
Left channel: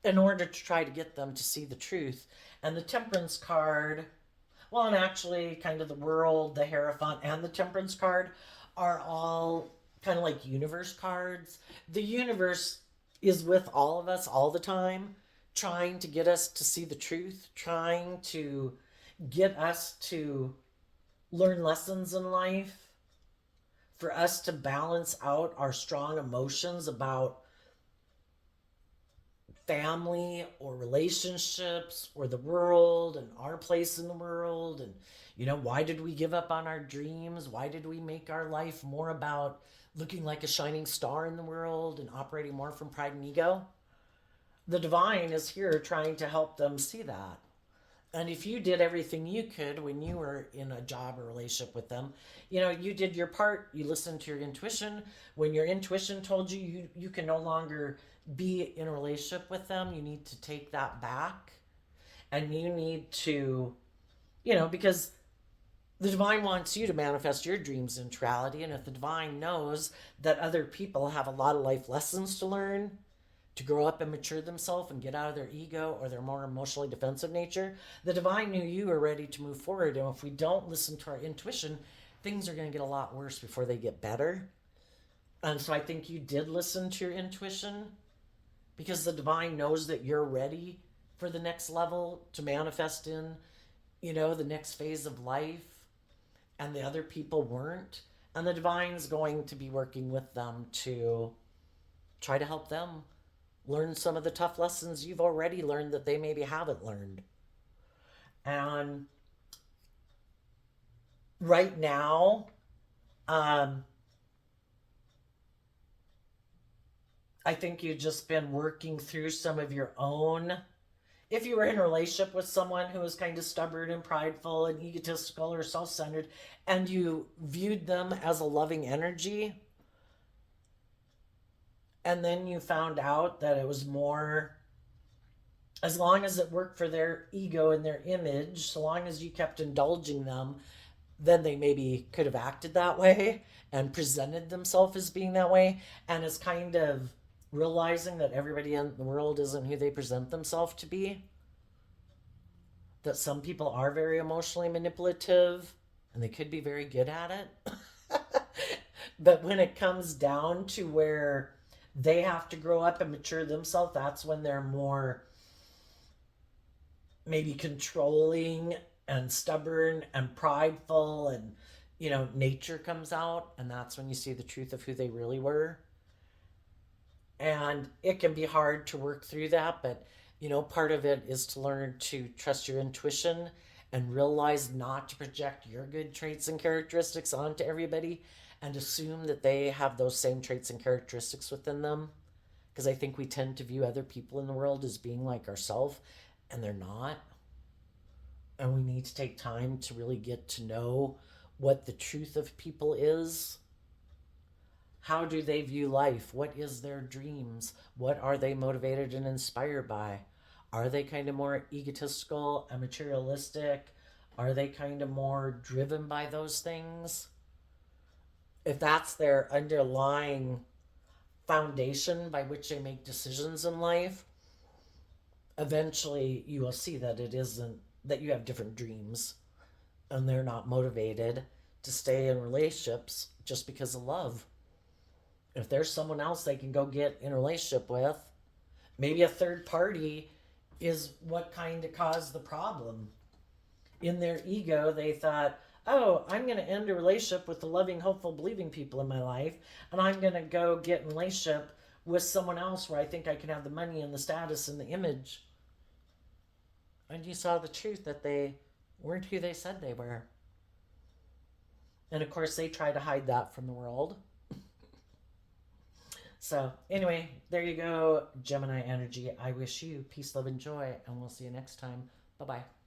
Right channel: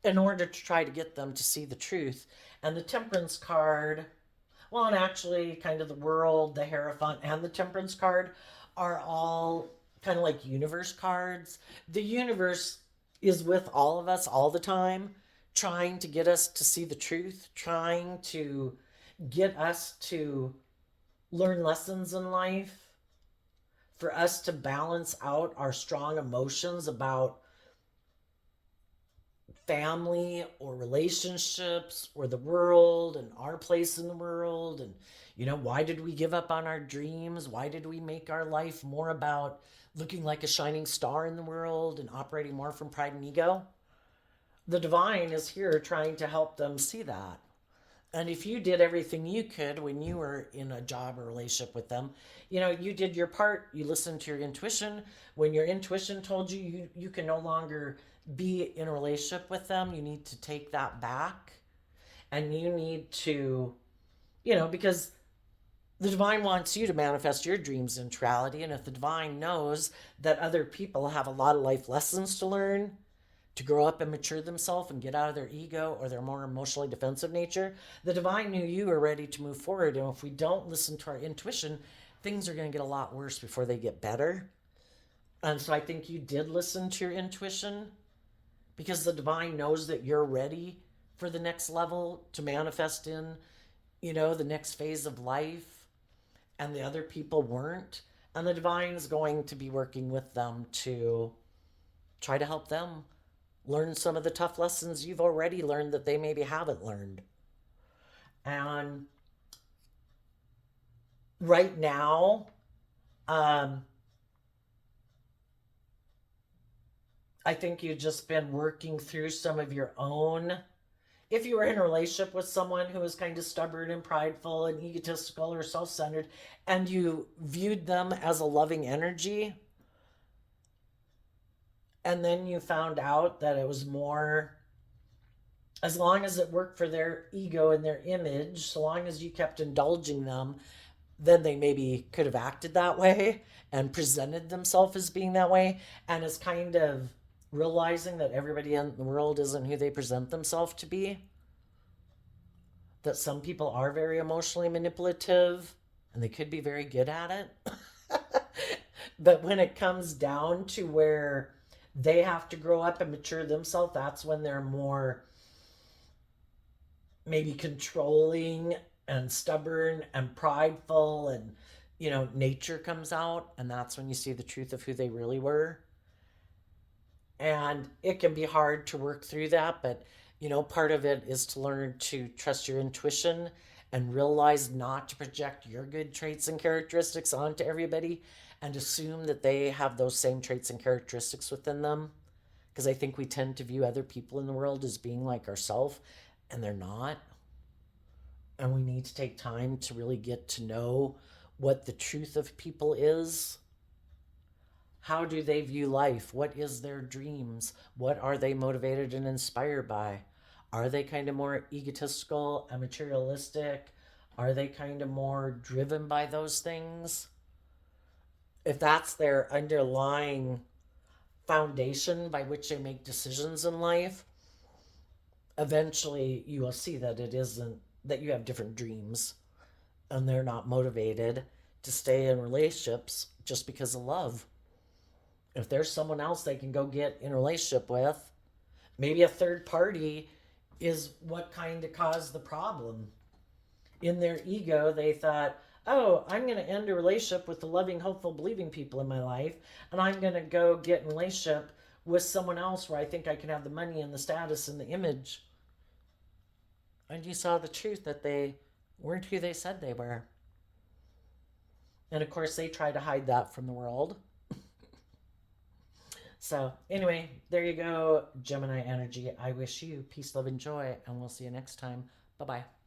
in order to try to get them to see the truth. And the Temperance card, well, and actually kind of the World, the Hierophant, and the Temperance card are all kind of like universe cards. The universe is with all of us all the time, trying to get us to see the truth, trying to get us to learn lessons in life, for us to balance out our strong emotions about family or relationships or the world and our place in the world. And, why did we give up on our dreams? Why did we make our life more about looking like a shining star in the world and operating more from pride and ego. The divine is here trying to help them see that. And if you did everything you could when you were in a job or relationship with them, you did your part, you listened to your intuition. When your intuition told you can no longer be in a relationship with them, you need to take that back. And you need to, because the divine wants you to manifest your dreams into reality. And if the divine knows that other people have a lot of life lessons to learn, to grow up and mature themselves and get out of their ego or their more emotionally defensive nature, the divine knew you were ready to move forward. And if we don't listen to our intuition, things are going to get a lot worse before they get better. And so I think you did listen to your intuition, because the divine knows that you're ready for the next level to manifest in, the next phase of life, and the other people weren't. And the divine's going to be working with them to try to help them learn some of the tough lessons you've already learned that they maybe haven't learned. And right now, I think you've just been working through some of your own. If you were in a relationship with someone who was kind of stubborn and prideful and egotistical or self centered, and you viewed them as a loving energy, and then you found out that it was more, as long as it worked for their ego and their image, so long as you kept indulging them, then they maybe could have acted that way and presented themselves as being that way, and is kind of realizing that everybody in the world isn't who they present themselves to be. That some people are very emotionally manipulative and they could be very good at it. But when it comes down to where they have to grow up and mature themselves, that's when they're more maybe controlling and stubborn and prideful, and nature comes out, and that's when you see the truth of who they really were. And it can be hard to work through that, but part of it is to learn to trust your intuition and realize not to project your good traits and characteristics onto everybody and assume that they have those same traits and characteristics within them. Because I think we tend to view other people in the world as being like ourselves, and they're not. And we need to take time to really get to know what the truth of people is. How do they view life? What is their dreams? What are they motivated and inspired by? Are they kind of more egotistical and materialistic? Are they kind of more driven by those things? If that's their underlying foundation by which they make decisions in life, eventually you will see that it isn't, that you have different dreams and they're not motivated to stay in relationships just because of love. If there's someone else they can go get in a relationship with, maybe a third party is what kind of caused the problem. In their ego, they thought, oh, I'm going to end a relationship with the loving, hopeful, believing people in my life, and I'm going to go get in a relationship with someone else where I think I can have the money and the status and the image. And you saw the truth that they weren't who they said they were. And of course, they try to hide that from the world. So, anyway, there you go, Gemini energy. I wish you peace, love, and joy, and we'll see you next time. Bye bye.